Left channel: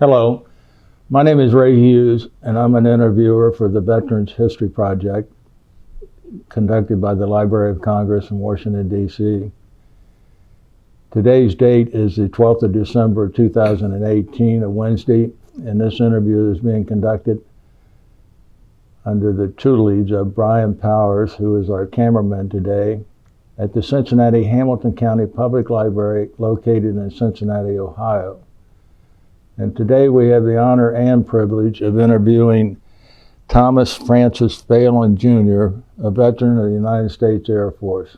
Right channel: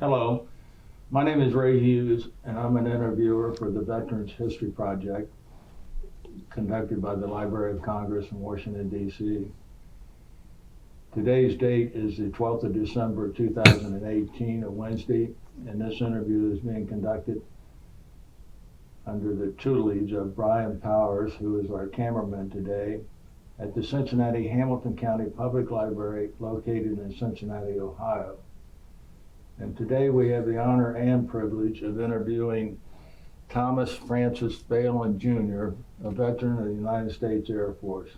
Hello, my name is Ray Hughes, and I'm an interviewer for the Veterans History Project conducted by the Library of Congress in Washington, D.C. Today's date is the 12th of December, 2018, a Wednesday, and this interview is being conducted under the tutelage of Brian Powers, who is our cameraman today, at the Cincinnati Hamilton County Public Library located in Cincinnati, Ohio. And today we have the honor and privilege of interviewing Thomas Francis Phalen, Jr., a veteran of the United States Air Force.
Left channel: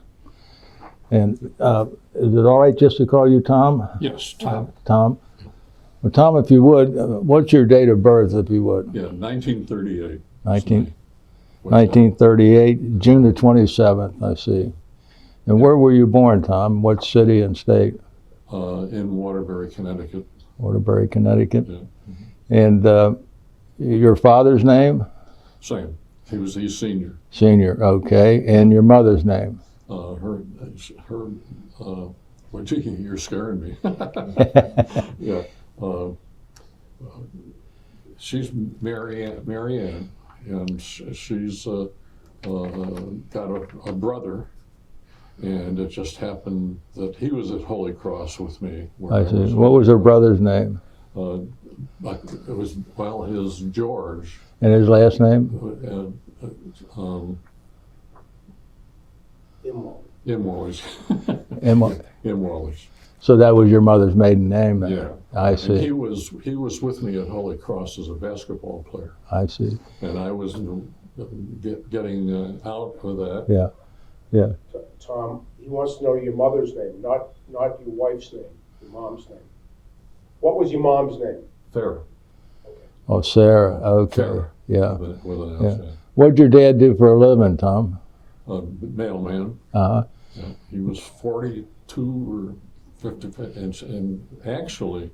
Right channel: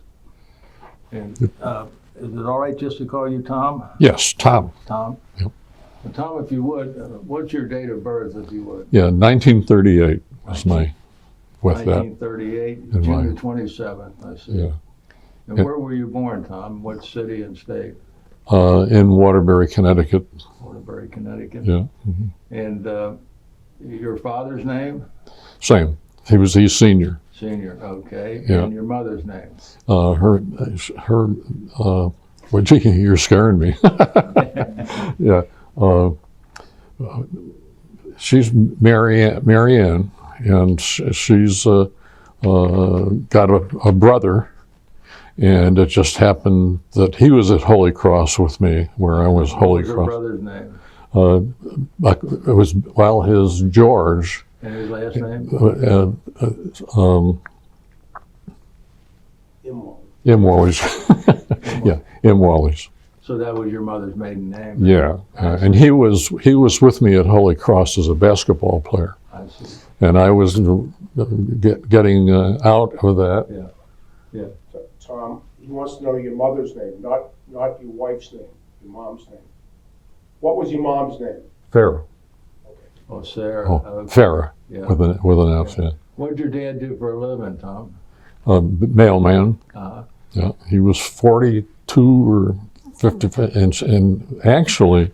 And is it all right just to call you Tom? Yes, Tom. Tom? Yep. Well, Tom, if you would, what's your date of birth, if you would? Yeah, 1938 was my... 1938, June the 27th, I see. Yeah. And where were you born, Tom? What city and state? In Waterbury, Connecticut. Waterbury, Connecticut. Yeah. Mm-hmm. And your father's name? Same. He's senior. Senior, okay. Yeah. And your mother's name? Well, gee, you're scaring me. Yeah. She's Marianne, and she's got a brother, and it just happened that he was at Holy Cross with me, where I was Holy Cross. What was your brother's name? It was, well, his George. And his last name? Imwallis. Yeah, Imwallis. So that was your mother's maiden name? Then? Yeah, I and he was with me at Holy Cross as a basketball player. I see. And I was getting out of that. Yeah, yeah. Tom, he wants to know your mother's name, not your wife's name, your mom's name. What was your mom's name? Farrah. Oh, Sarah. Oh, okay. Farrah. Yeah. With an F. Yeah. Yeah. What did your dad do for a living, Tom? Mailman. Uh-huh. Yeah. He was 42 or 55, and actually,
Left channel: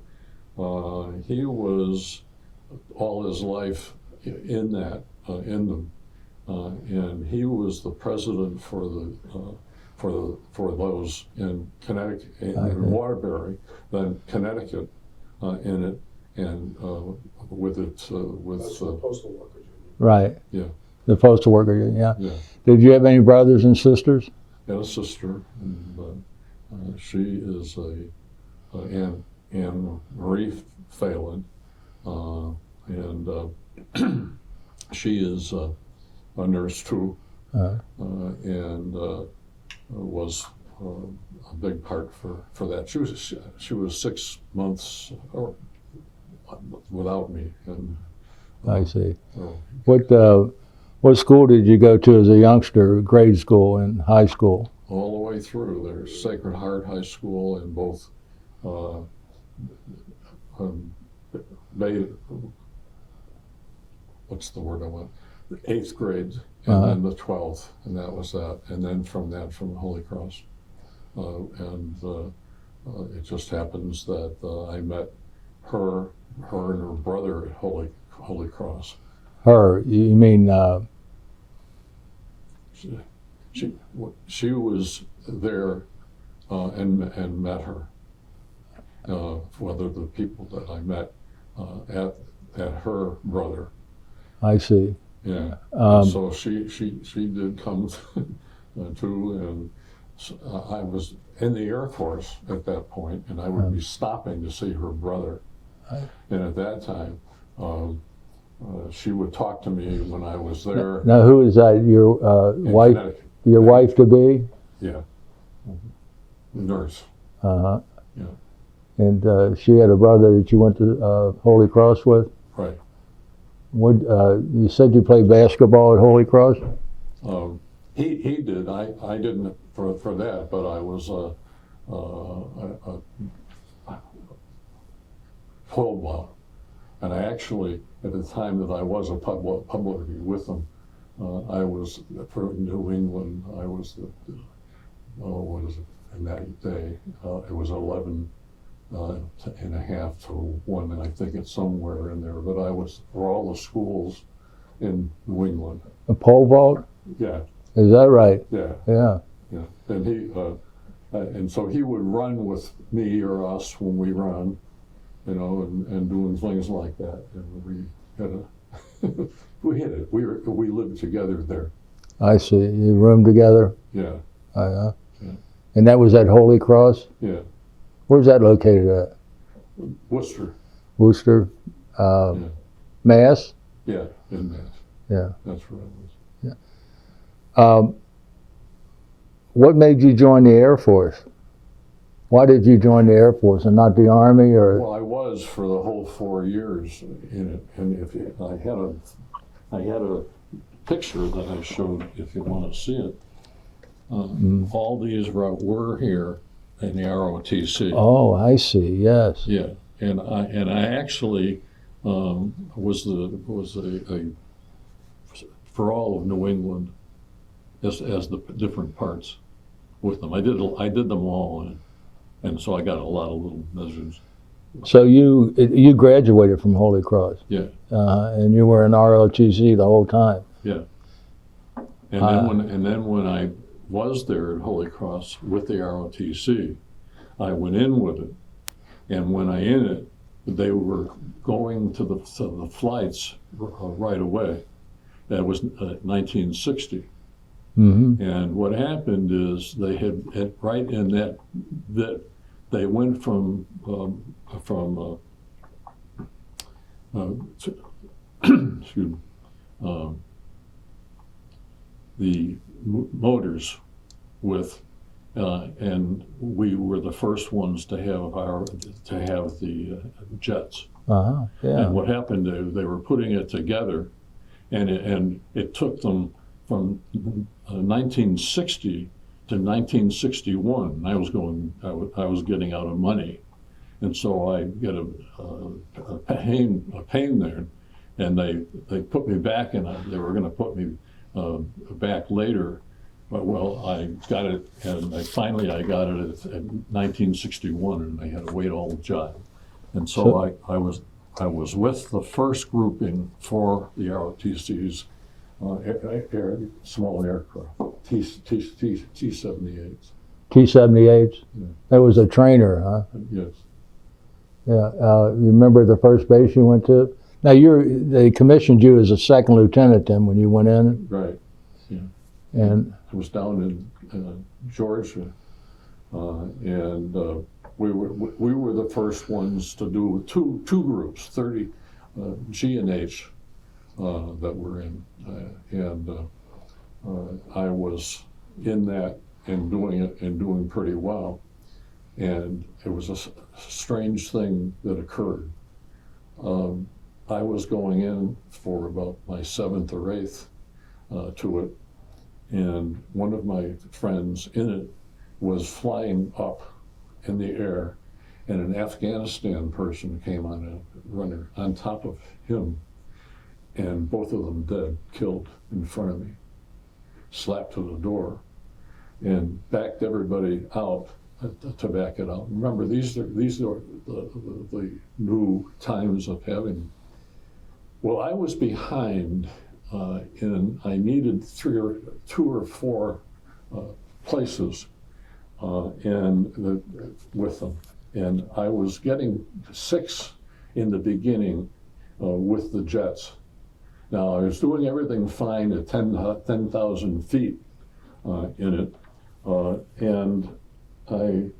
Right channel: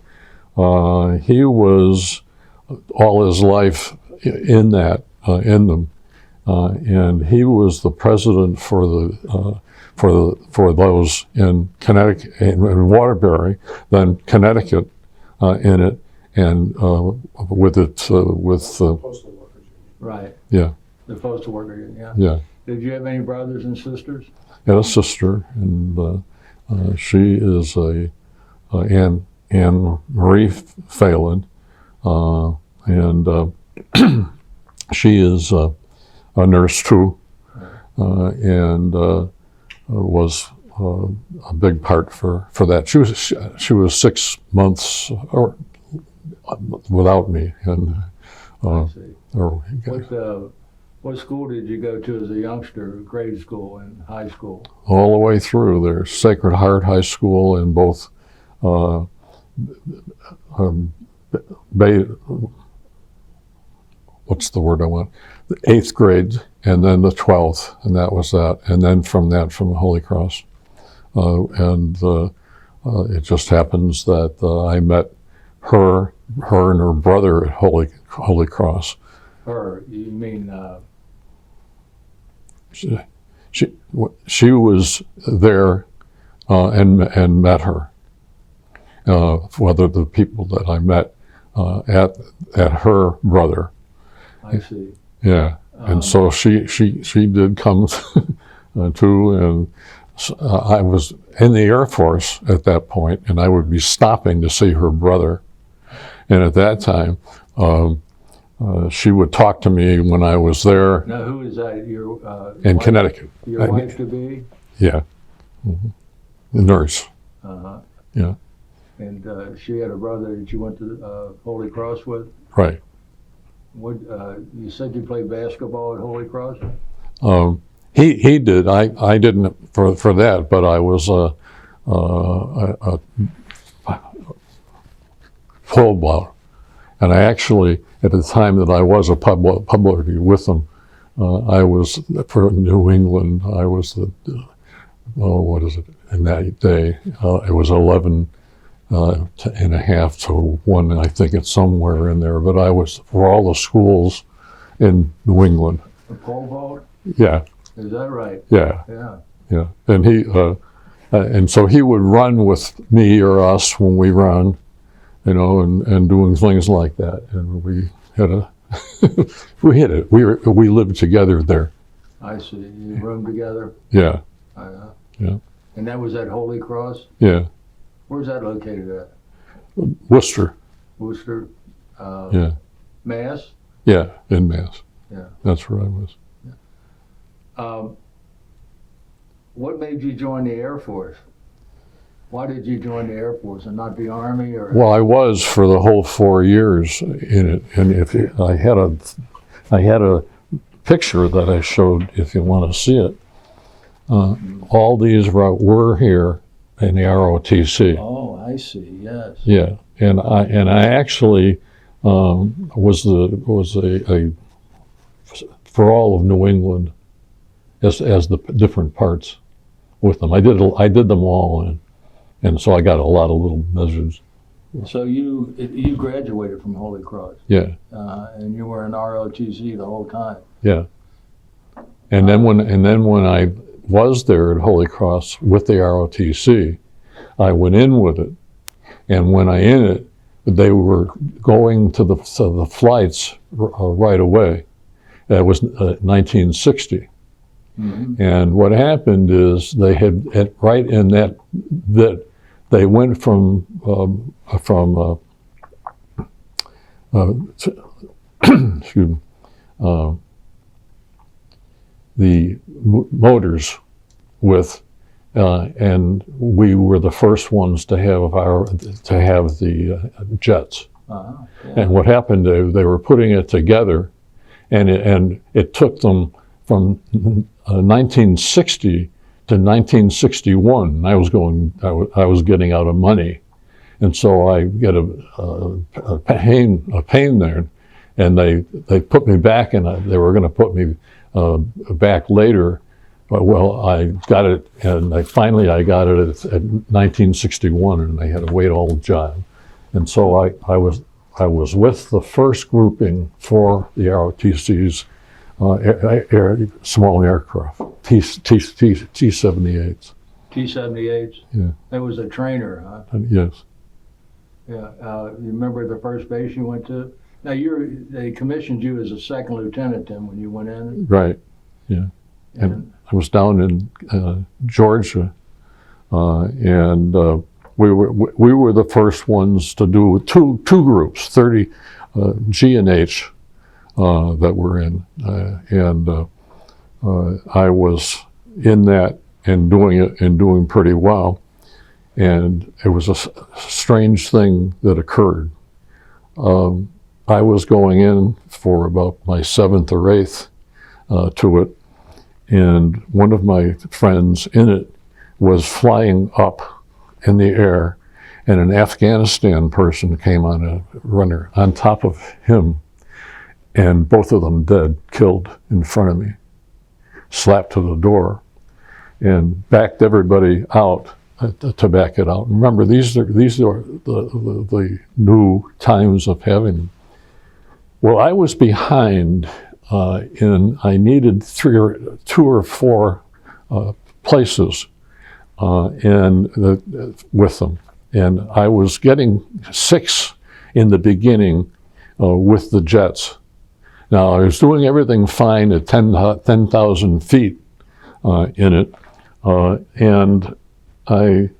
he was all his life in them, and he was the president for those in Connecticut, in Waterbury, then Connecticut, in it, and with Postal workers. Right. Yeah. The postal worker, yeah. Yeah. Did you have any brothers and sisters? I had a sister, and she is Anne Marie Phalen, and she is a nurse too, and was a big part for that. She was 6 months without me, and I see. What school did you go to as a youngster? Grade school and high school? All the way through. There's Sacred Heart High School in both what's the word I want? The 8th grade, and then the 12th, and that was that. And then from Holy Cross. It just happens that I met her and her brother at Holy Cross. Her, you mean? She was there and met her. Whether the people that I met at her brother. I see. Yeah, and so she did come too, and I was in the Air Force at that point, and I would be stopping to see her brother, and at that time. She would talk to me when I was there. Now, who is that? Your in wife, Connecticut. Your wife to be? Yeah, the nurse. Uh-huh. Yeah. And she had a brother that you went to Holy Cross with. Right. What you said you played basketball at Holy Cross? He did. I didn't for that, but I was a pole ball, and I actually. At the time that I was a publicity with them, I was for New England. I was what is it? In that day, it was 11 and a half to 1. I think it's somewhere in there. But I was for all the schools in New England. A pole vault? Yeah. Is that right? Yeah. Yeah. Yeah. And he, and so he would run with me or us when we run, you know, and doing things like that. And we had a, we had it. We lived together there. I see. You roomed together? Yeah, Yeah. And that was at Holy Cross? yeah. Where's that located at? Worcester. Worcester? Yeah, Mass? yeah, in Mass. Yeah. That's where I was. What made you join the Air Force? Why did you join the Air Force and not the Army? Or Well, I was for the whole 4 years in it, and if I had a picture that I showed, if you want to see it. All these were here in the ROTC. Oh, I see. Yes. Yeah, and I actually was a for all of New England as the different parts with them. I did them all, and so I got a lot of little measures. So you graduated from Holy Cross, Yeah, and you were in ROTC the whole time. yeah. And then when I was there at Holy Cross with the ROTC, I went in with it, and when I in it, they were going to the flights right away. That was 1960. Mm-hmm. And what happened is they had right in that they went from excuse me, the motors with, and we were the first ones to have the jets. Uh-huh. Yeah. And what happened? They were putting it together, and it took them from 1960 to 1961. I was getting out of money, and so I get a pain there, and they put me back, and they were going to put me back later. But well, I got it, and I got it at 1961, and I had to wait all the time. And so I was with the first grouping for the ROTC's small aircraft, T-78s. T-78s? Yeah. That was a trainer, huh? Yes. Yeah. You remember the first base you went to? Now, they commissioned you as a second lieutenant then when you went in? Right. Yeah. And I was down in Georgia, and we were the first ones to do two groups, 30 G and H that were in, and I was in that and doing it and doing pretty well. And it was a strange thing that occurred. I was going in for about my 7th or 8th to it, and one of my friends in it was flying up in the air, and an Afghanistan person came on a runner on top of him, and both of them dead, killed in front of me, slapped to the door, and backed everybody out to back it out. Remember, these are the new times of having. Well, I was behind I needed 2 or 4 places with them. And I was getting 6 in the beginning with the jets. Now, I was doing everything fine at 10,000 feet in it, and I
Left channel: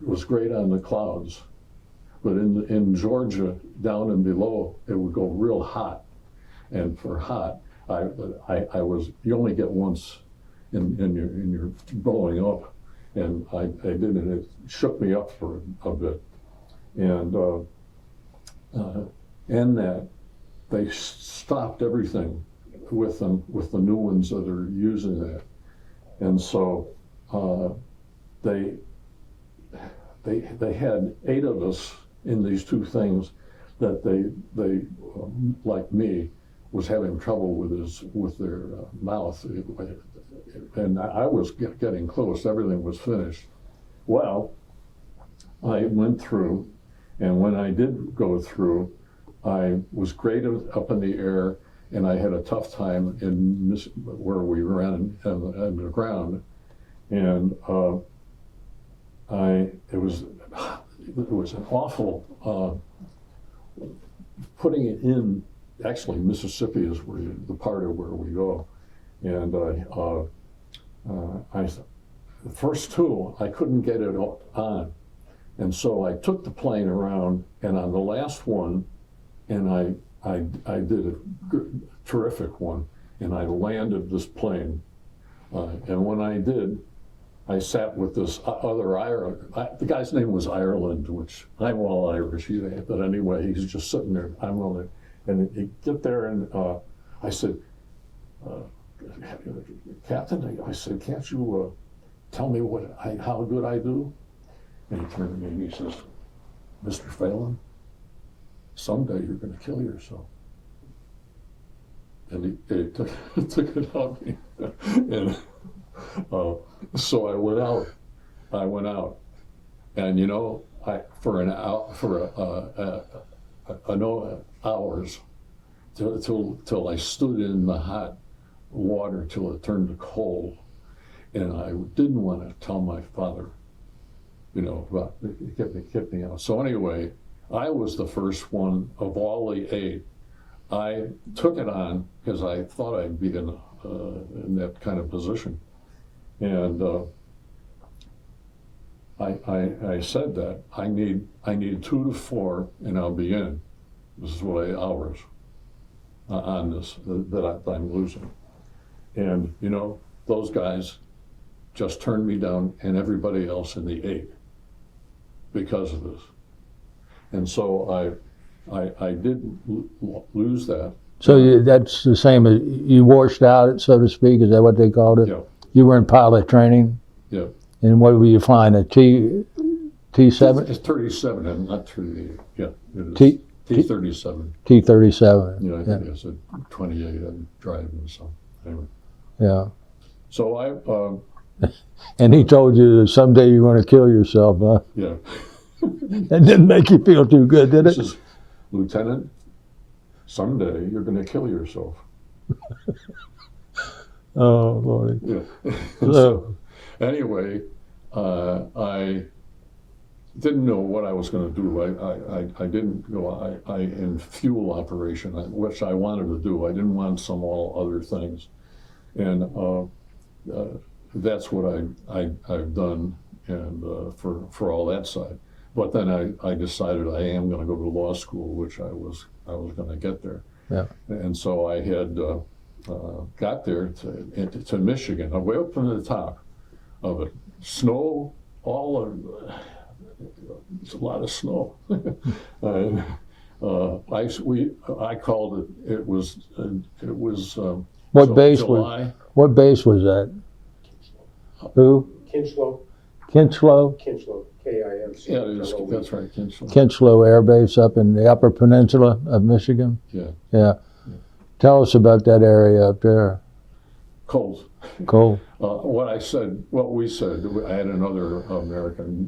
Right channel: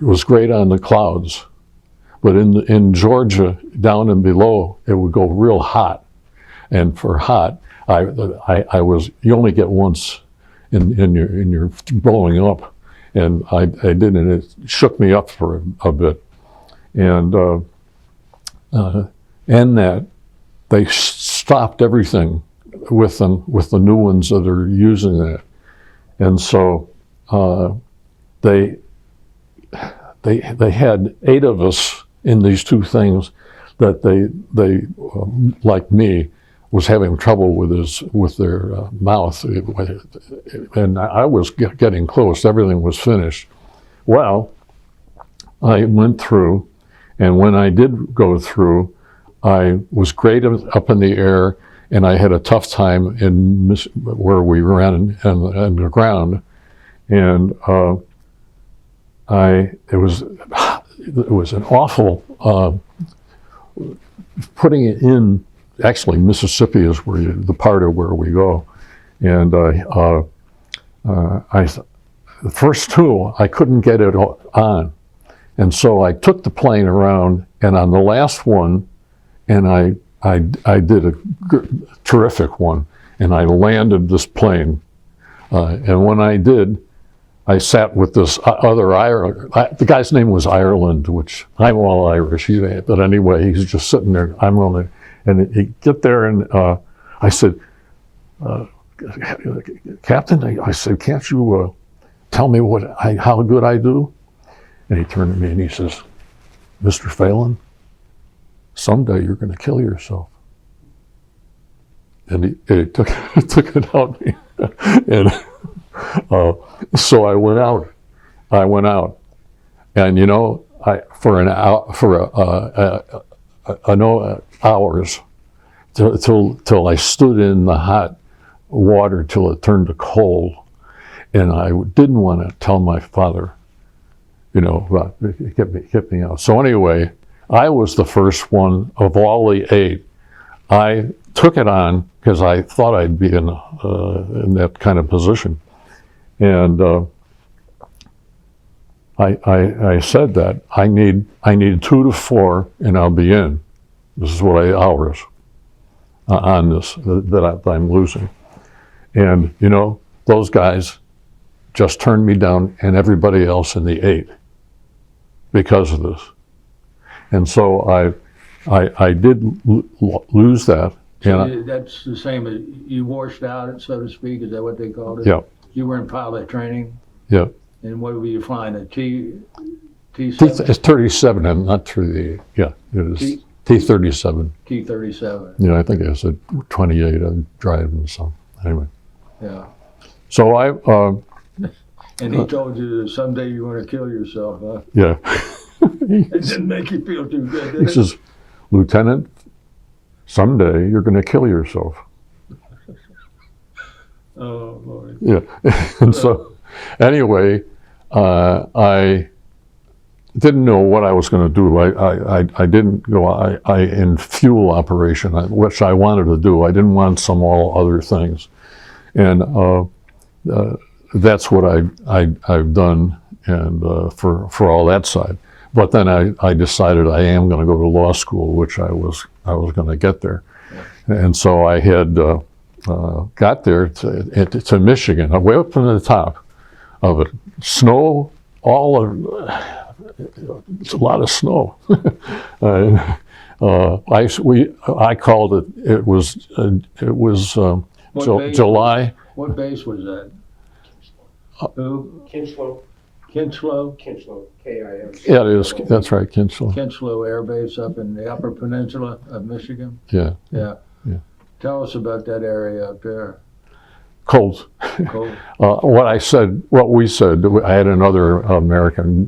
was great on the clouds. But in Georgia, down and below, it would go real hot. And for hot, I was, you only get once in your blowing up. And I did, and it shook me up for a bit. And that they stopped everything with them, with the new ones that are using that. And so they had 8 of us in these 2 things that they like me, was having trouble with their mouth, and I was getting close. Everything was finished. Well, I went through, and when I did go through, I was great up in the air, and I had a tough time where we ran on the ground, and it it was an awful, putting it in, actually Mississippi is where the part of where we go. And the first two, I couldn't get it on. And so I took the plane around, and on the last one, and I did a terrific one, and I landed this plane. And when I did, I sat with this other Ireland. The guy's name was Ireland, which I'm all Irish, but anyway, he's just sitting there. I'm on it, and he get there, and I said, Captain, I said, can't you tell me how good I do? And he turned to me and he says, Mr. Phalen, someday you're going to kill yourself. And he took it out of me. And so I went out. And you know, hours till I stood in the hot water till it turned to cold, and I didn't want to tell my father, you know, about get me out. So anyway, I was the first one of all the 8. I took it on because I thought I'd be in that kind of position, and I said that I need 2 to 4, and I'll be in. This is what hours on this that I'm losing, and you know, those guys just turned me down, and everybody else in the 8, because of this. And so I did lose that. So that's the same as you washed out, so to speak. Is that what they called it? Yeah. You were in pilot training. Yeah. And what were you flying? A T7? It's 37, and not 38. Yeah. It is T37. T37. Yeah, I think it was a 28. I'm driving, so anyway. Yeah. So and he told you that someday you're going to kill yourself, huh? Yeah. It didn't make you feel too good, did it? He says, Lieutenant, someday you're going to kill yourself. Oh, Lord. Yeah. And so anyway, I didn't know what I was going to do. I didn't go in fuel operation, which I wanted to do. I didn't want all other things. And that's what I've done, and for all that side. But then I decided I am going to go to law school, which I was going to get there. Yeah. And so I had got there to Michigan, way up to the top of it. Snow, it's a lot of snow. I called it. It was July. What base was that? Who? Kinchlow. Kinchlow? Kinchlow, K-I-M. Yeah, it is. That's right, Kinchlow. Kinchlow Air Base up in the Upper Peninsula of Michigan. Yeah. Yeah. Yeah. Tell us about that area up there. Cold. Cold. What we said, I had another American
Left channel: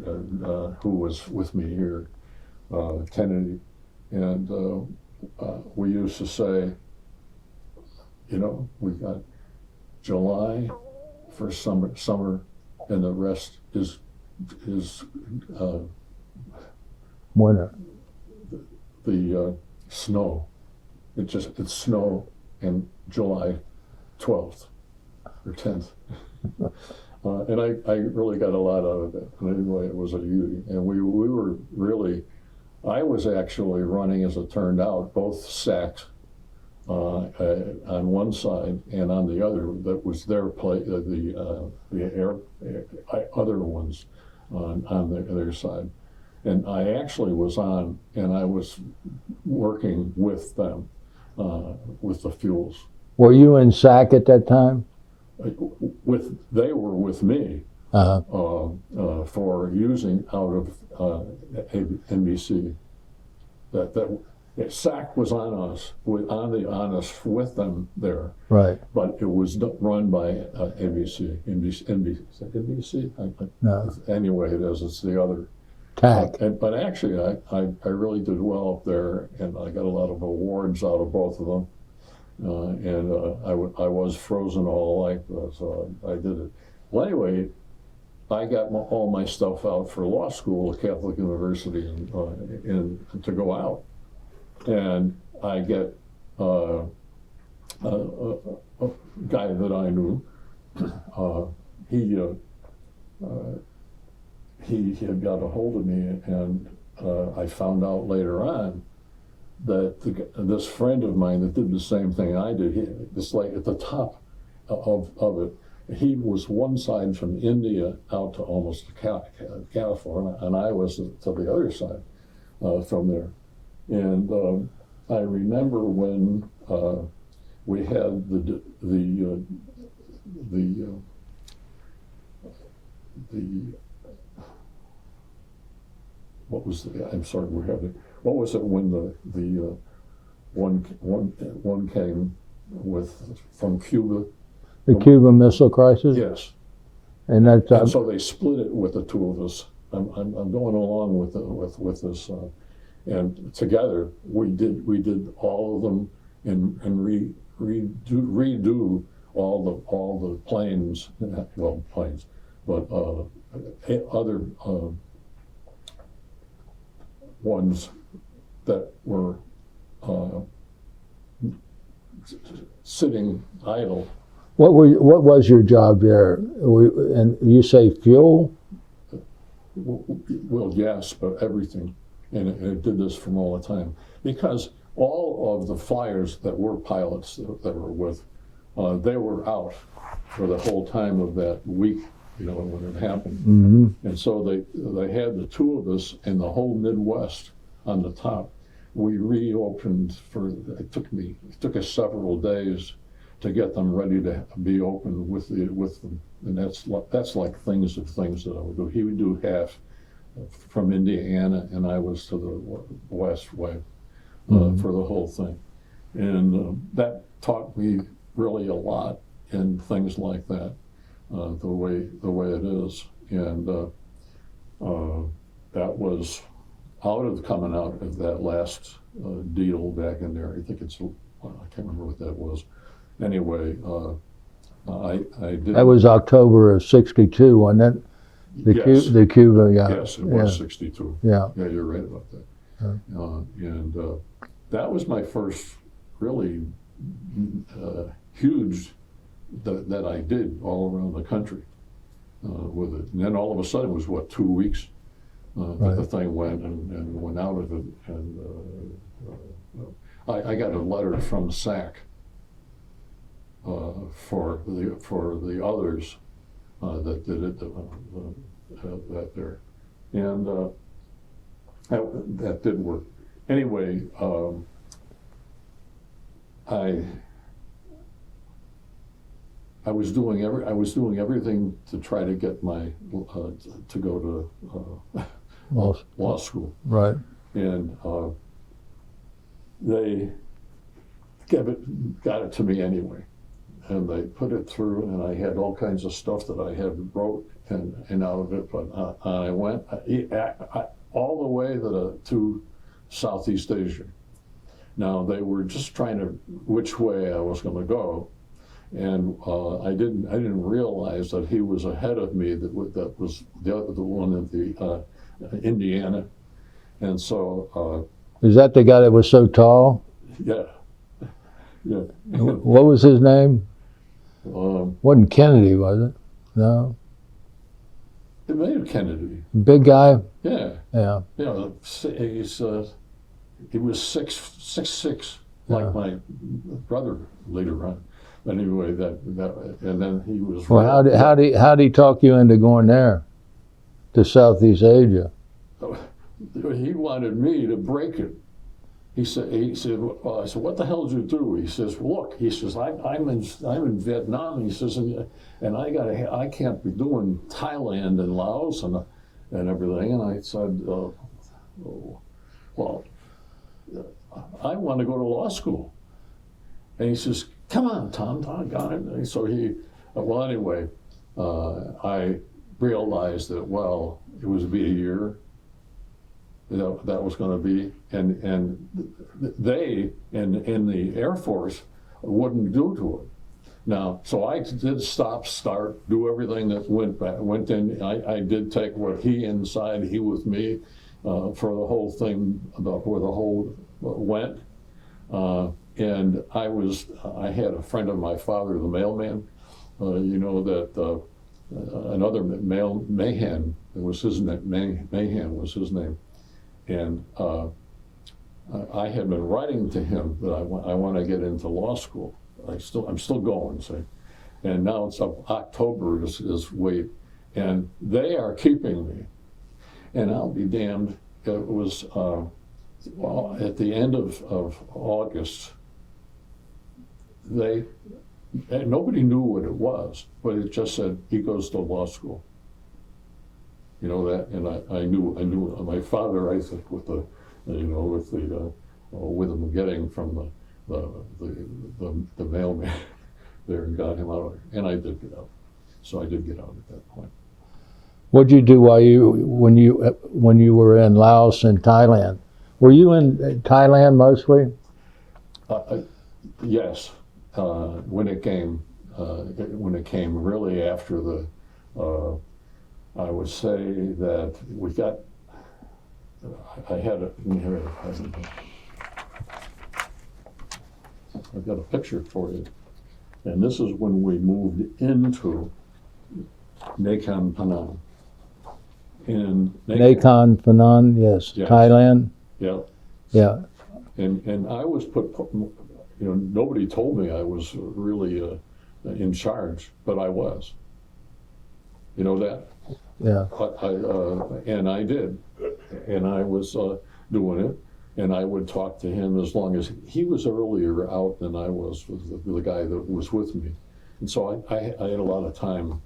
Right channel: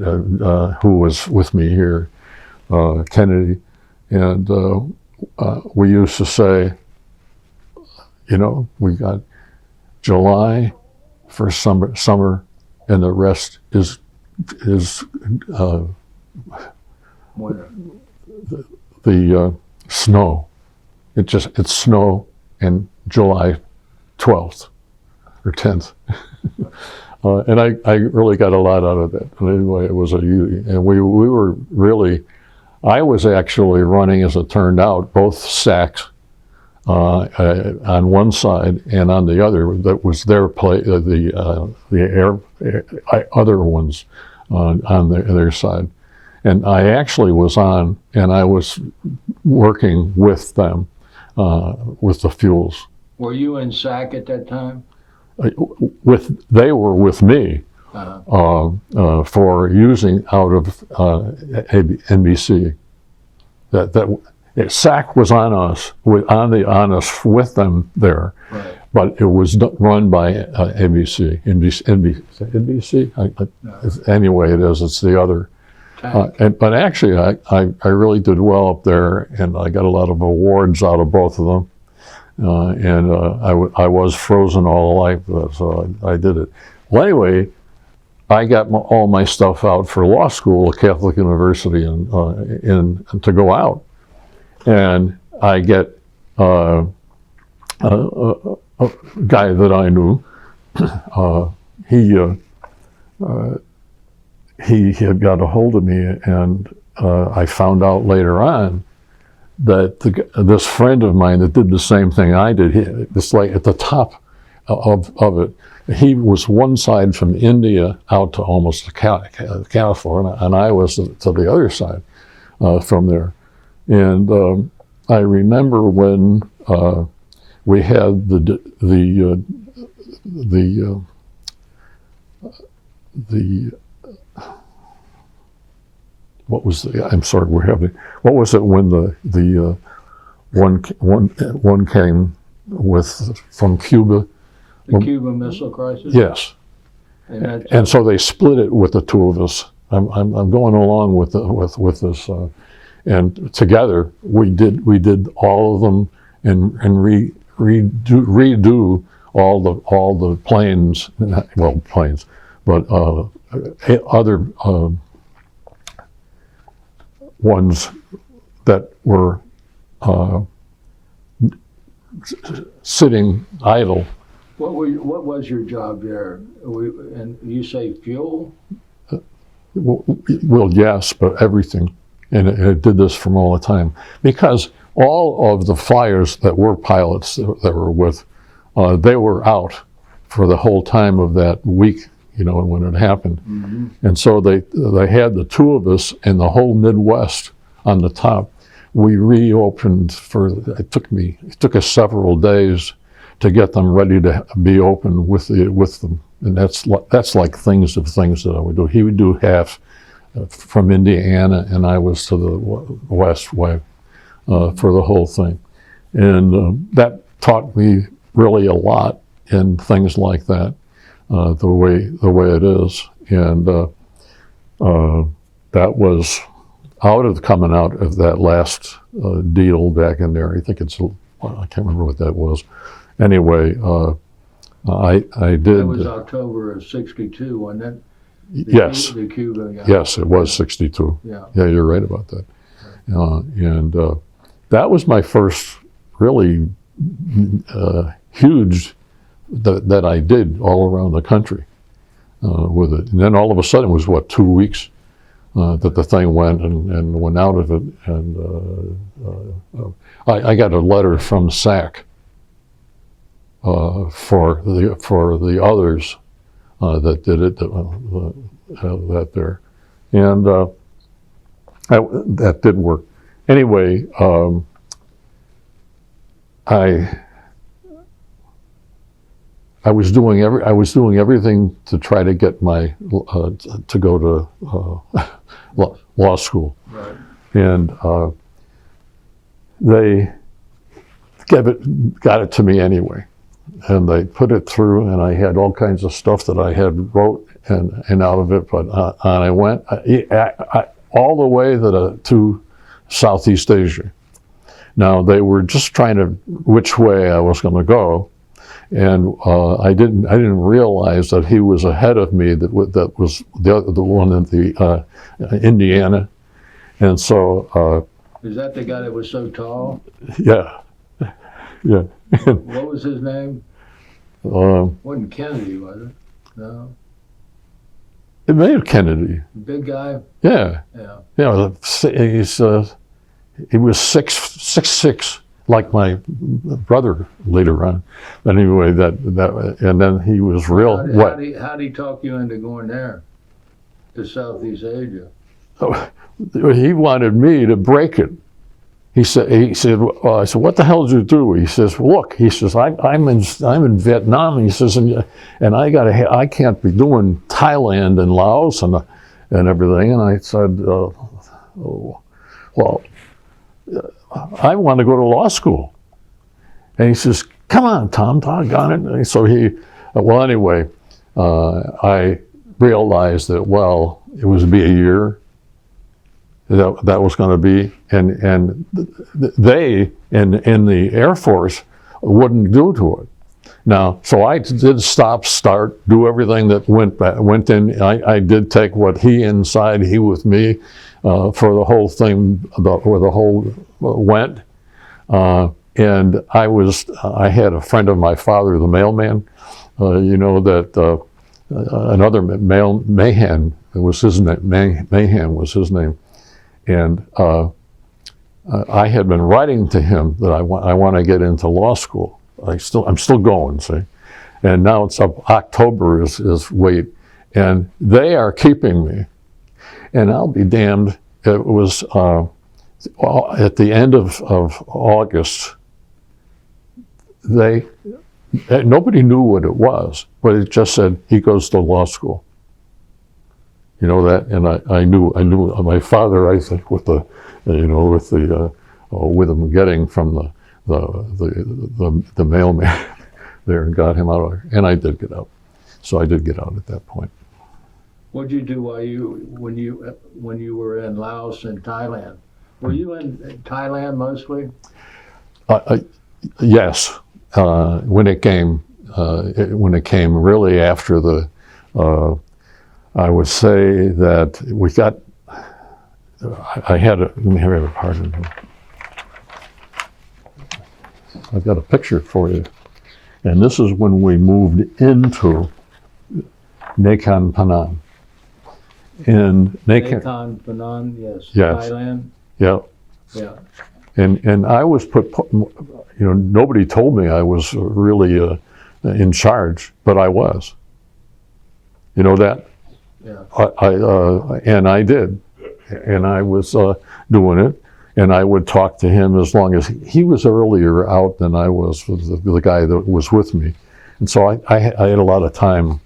who was with me here, Kennedy, and we used to say, you know, we got July for summer, and the rest is What? the snow. It's snow and July 12th or 10th. And I really got a lot out of that. But anyway, it was and we were really, I was actually running, as it turned out, both SACs on one side, and on the other, that was their other ones on their side. And I actually was on, and I was working with them, with the fuels. Were you in SAC at that time? They were with me for using out of NBC. SAC was on us, with them there, Right. but it was run by NBC. Anyway, it is. It's the other. TAC. But actually, I really did well up there, and I got a lot of awards out of both of them. I was frozen all life, so I did it. Well, anyway, I got all my stuff out for law school at Catholic University and to go out. And I get a guy that I knew. He had got a hold of me, and I found out later on that this friend of mine that did the same thing I did, it's like at the top of it, he was one side from India out to almost to California, and I was to the other side from there. And I remember when we had what was the? I'm sorry, we're having. What was it when the one came from Cuba? The Cuban Missile Crisis? Yes. And so they split it with the two of us. I'm going along with this, and together we did all of them and redo all the planes, but other ones that were sitting idle. What was your job there? And you say fuel? Well, yes, but everything. And it did this from all the time. Because all of the flyers that were pilots that were with, they were out for the whole time of that week, when it happened. Mm-hmm. And so they had the two of us and the whole Midwest on the top. We reopened it took us several days to get them ready to be open with them. And that's like things that I would do. He would do half from Indiana, and I was to the west way for the whole thing. And that taught me really a lot in things like that, the way it is. And that was coming out of that last deal back in there. I think I can't remember what that was. Anyway, I did. That was October of '62, wasn't it? Yes. The Cuba, yeah. Yes, it was 62. Yeah. Yeah, you're right about that. Right. And that was my first really huge that I did all around the country with it. And then all of a sudden it was, 2 weeks that the thing went and went out of it. And I got a letter from SAC for the others that did it, that there. And that did work. Anyway, I was doing everything to try to get my to go to law school. Right. And they got it to me anyway. And they put it through, and I had all kinds of stuff that I had wrote and out of it. But I went all the way to Southeast Asia. Now they were just trying to which way I was going to go, and I didn't realize that he was ahead of me. That was the one in the Indiana, and so. Is that the guy that was so tall? Yeah. Yeah. What was his name? Wasn't Kennedy, was it? No. It may have Kennedy. Big guy. Yeah. Yeah. He was 6'6", like my brother later on. Anyway, that and then he was real. How did he talk you into going there, to Southeast Asia? He wanted me to break it. He said, I said, what the hell did you do? He says, look, he says, I'm in Vietnam. He says, and I can't be doing Thailand and Laos and everything. And I said, well, I want to go to law school. And he says, come on, Tom, doggone it. And so anyway, I realized that, it was to be a year. That was going to be, and they in the Air Force wouldn't do to it. Now, so I did stop, start, do everything that went in. I did take what he inside, he with me, for the whole thing, about where the whole went. And I had a friend of my father, the mailman, you know, that another Mahan was his name, Mahan was his name. And I had been writing to him that I want to get into law school. I'm still going, see. And now it's up, October is wait, and they are keeping me. And I'll be damned, it was at the end of August, nobody knew what it was, but it just said, he goes to law school. You know that, and I knew my father, I think, with him getting from the mailman there and got him out, and I did get out. So I did get out at that point. What did you do when you were in Laos and Thailand? Were you in Thailand mostly? Yes, when it came really after the. I would say that we got. I had a. Let me have a pardon. I've got a picture for you, and this is when we moved into Nakhon Phanom. In Nakhon Phanom, yes. Thailand. Yeah. Yeah. And I was nobody told me I was really in charge, but I was. You know that? Yeah. And I did, and I was doing it, and I would talk to him as long as he was earlier out than I was with the guy that was with me, and so I had a lot of time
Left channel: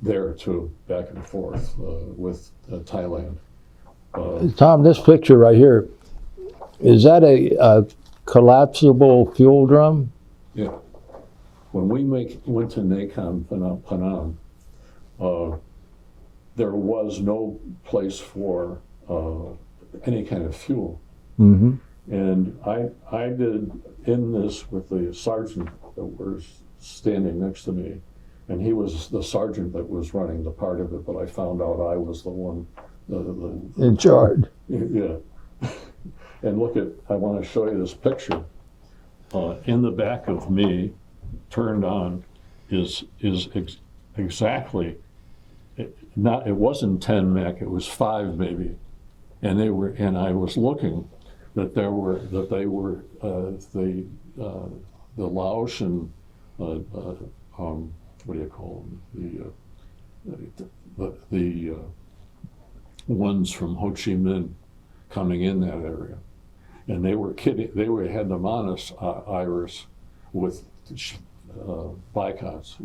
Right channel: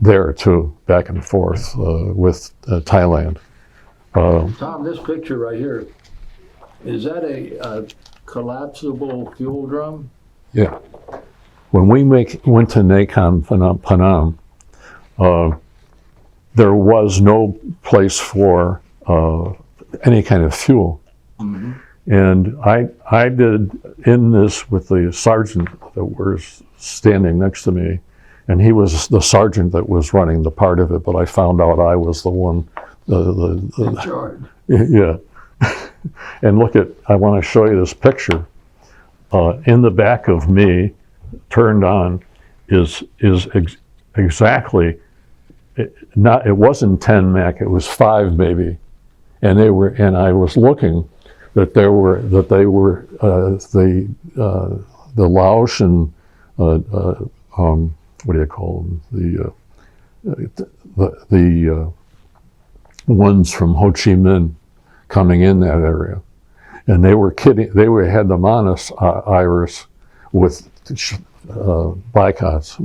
there too, back and forth with Thailand. Tom, this picture right here, is that a collapsible fuel drum? Yeah. When we went to Nakhon Phanom, there was no place for any kind of fuel. Mm-hmm. And I did in this with the sergeant that was standing next to me, and he was the sergeant that was running the part of it, but I found out I was the one in charge. Yeah. And I want to show you this picture. In the back of me, turned on, is exactly, it wasn't 10 Mac, it was 5 maybe. And I was looking that they were the Laotian, what do you call them? The ones from Ho Chi Minh coming in that area. And they were kidding, had them on us, Iris, with bicos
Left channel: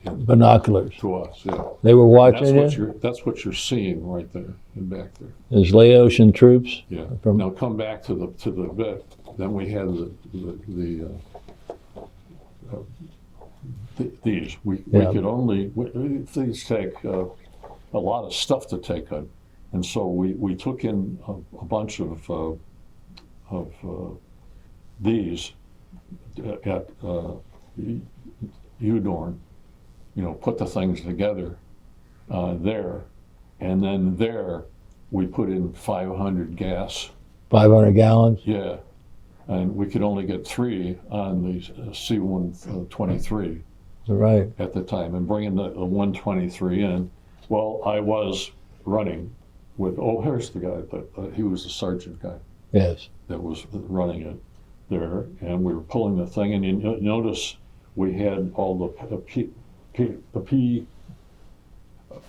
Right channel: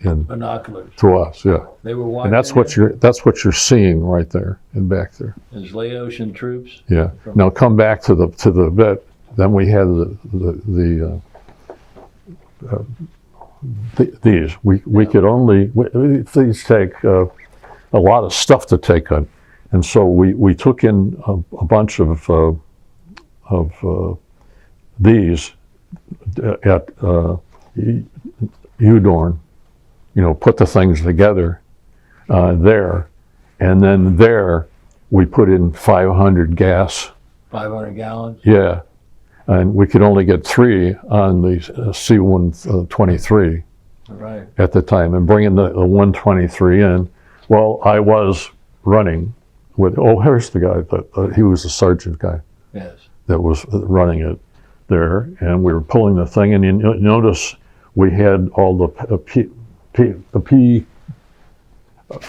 in binoculars to us, yeah. They were watching. And that's what you're seeing right there and back there. There's Laotian troops. Yeah. Now come back to the bit. Then we had these. We could only these take a lot of stuff to take on, and so we took in a bunch of these at Udorn. Put the things together there, and then there we put in 500 gas. 500 gallons? Yeah, and we could only get 3 on the C-123 right at the time, and bringing the 123 in. Well, I was running with, here's the guy, he was the sergeant guy. Yes. That was running it there, and we were pulling the thing, and you notice we had all the P.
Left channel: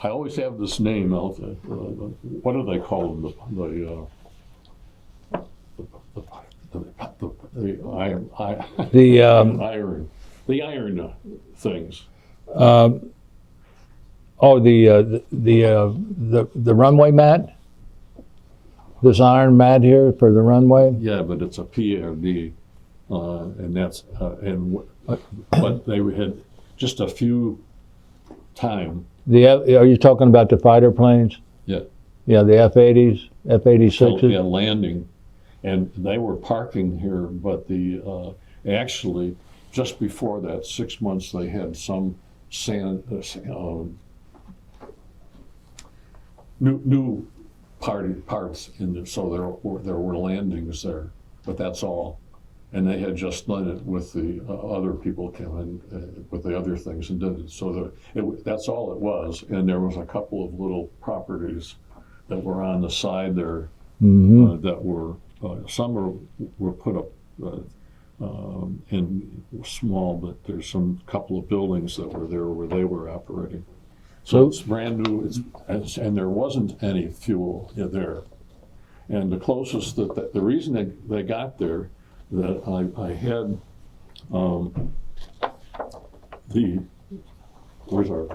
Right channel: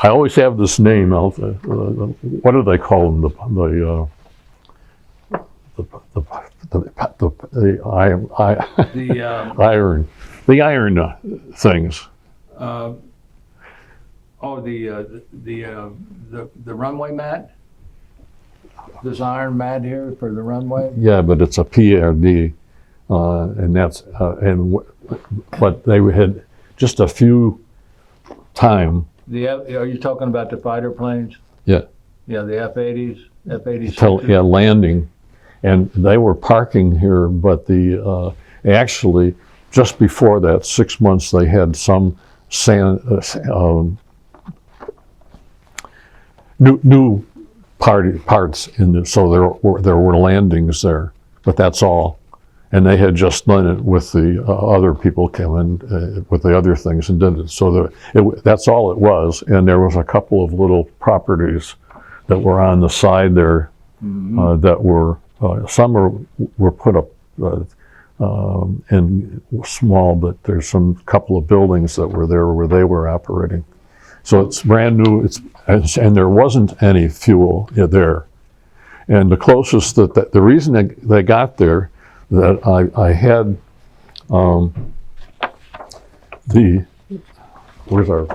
I always have this name out there. What do they call them? The iron things. The runway mat. This iron mat here for the runway. Yeah, but it's a PRD, and that's but they had just a few time. Are you talking about the fighter planes? Yeah. Yeah, the F-80s, F-86s? Yeah, landing. And they were parking here, but actually just before that, 6 months, they had some new parts in there, so there were landings there, but that's all. And they had just done it with the other people came in with the other things and did it. So that's all it was. And there was a couple of little properties that were on the side there that were, some were put up in small, but there's some couple of buildings that were there where they were operating. So it's brand new, and there wasn't any fuel there. And the closest the reason they got there, that I had where's our,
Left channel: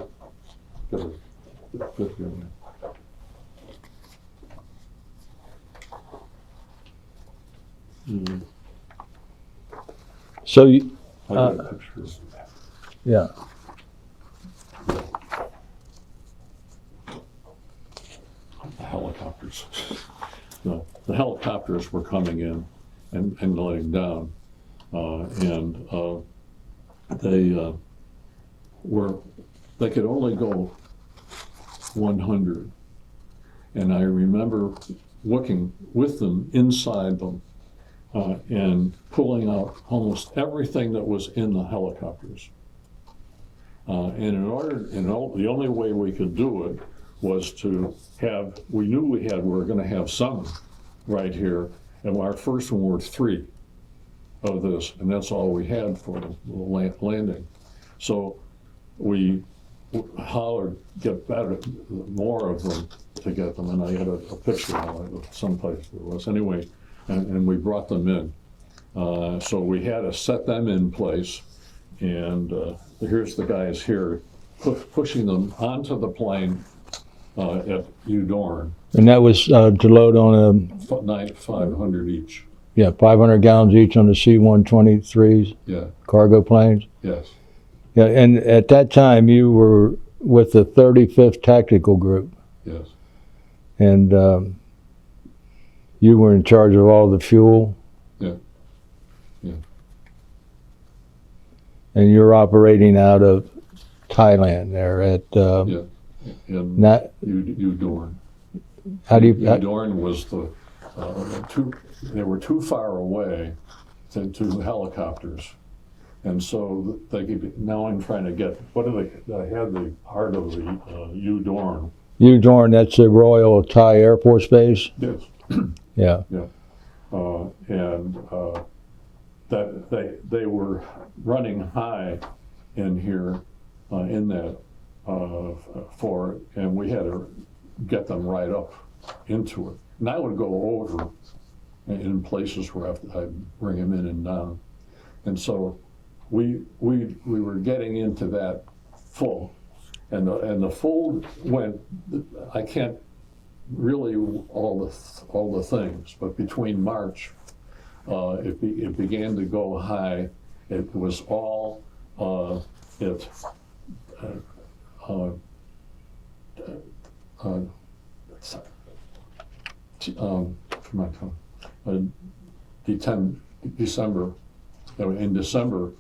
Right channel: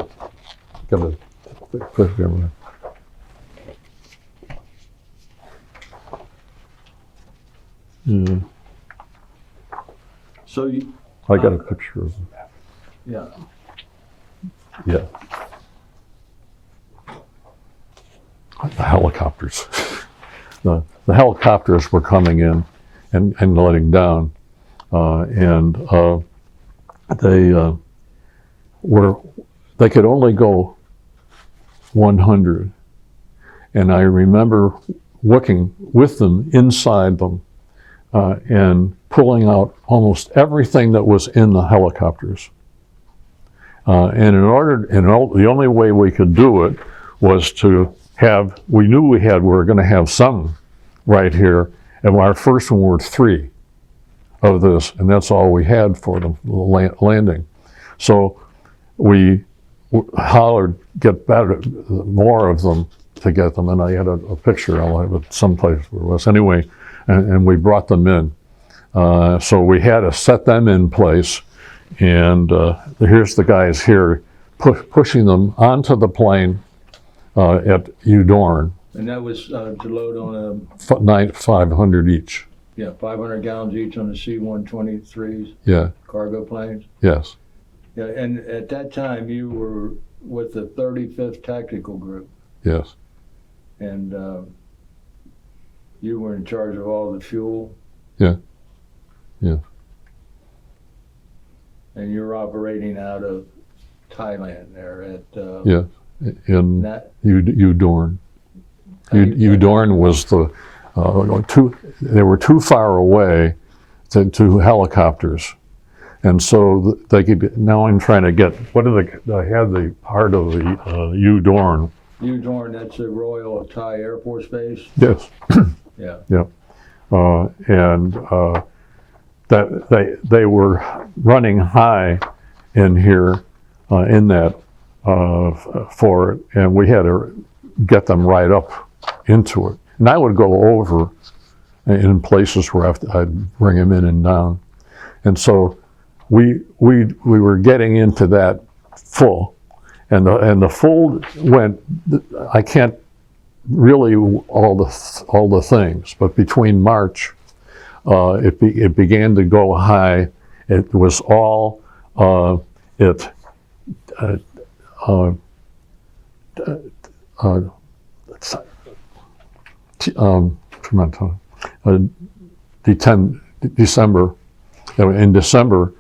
gotta put it there. Yeah. So you, I got a picture of it. yeah. Yeah. The helicopters. The helicopters were coming in and letting down, they could only go 100, and I remember looking with them inside them and pulling out almost everything that was in the helicopters. And the only way we could do it was to have, we knew we were going to have some right here, and our first one were 3 of this, and that's all we had for the landing. So we hollered, get better, more of them to get them, and I had a picture, I'll have it someplace where it was. Anyway, and we brought them in. So we had to set them in place, and here's the guys here pushing them onto the plane at Udorn. And that was to load on 500 each. 500 gallons each on the C-123s, Yeah. cargo planes. Yes. Yeah, and at that time you were with the 35th Tactical Group, Yes. and you were in charge of all the fuel. Yeah. Yeah. And you're operating out of Thailand there at Yeah. In Udorn. Udorn was they were too far away to helicopters. And so they could, now I'm trying to get, I had the part of the Udorn. Udorn, that's the Royal Thai Air Force Base? Yes. Yeah. Yeah. That they were running high in here, in that for it, and we had to get them right up into it. And I would go over in places where I'd bring them in and down. And so we were getting into that full, and the full went, I can't really all the things, but between March, it began to go high. It was all December. In December,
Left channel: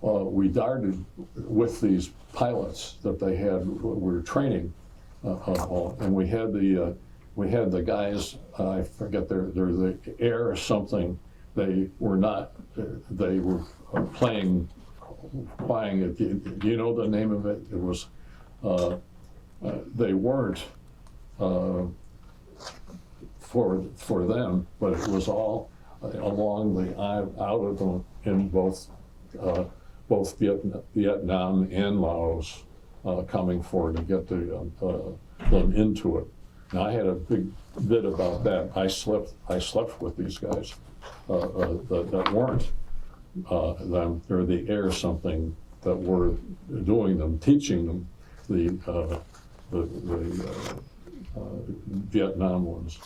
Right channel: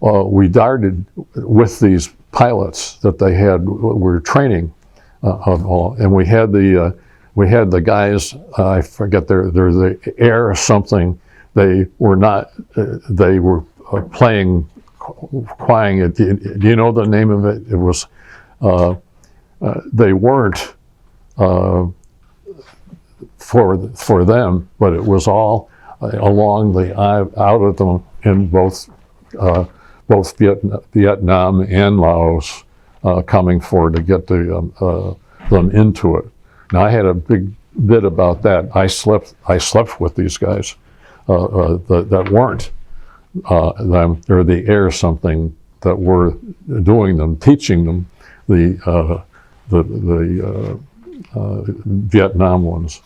we darted with these pilots that they had. We were training, and we had the guys. I forget they're the air or something. They were not. They were playing. Quiet. Do you know the name of it? It was. They weren't for them, but it was all along the out of them in both Vietnam and Laos, coming forward to get them into it. Now I had a big bit about that. I slept with these guys that weren't them, or the air something that were doing them, teaching them the Vietnam ones.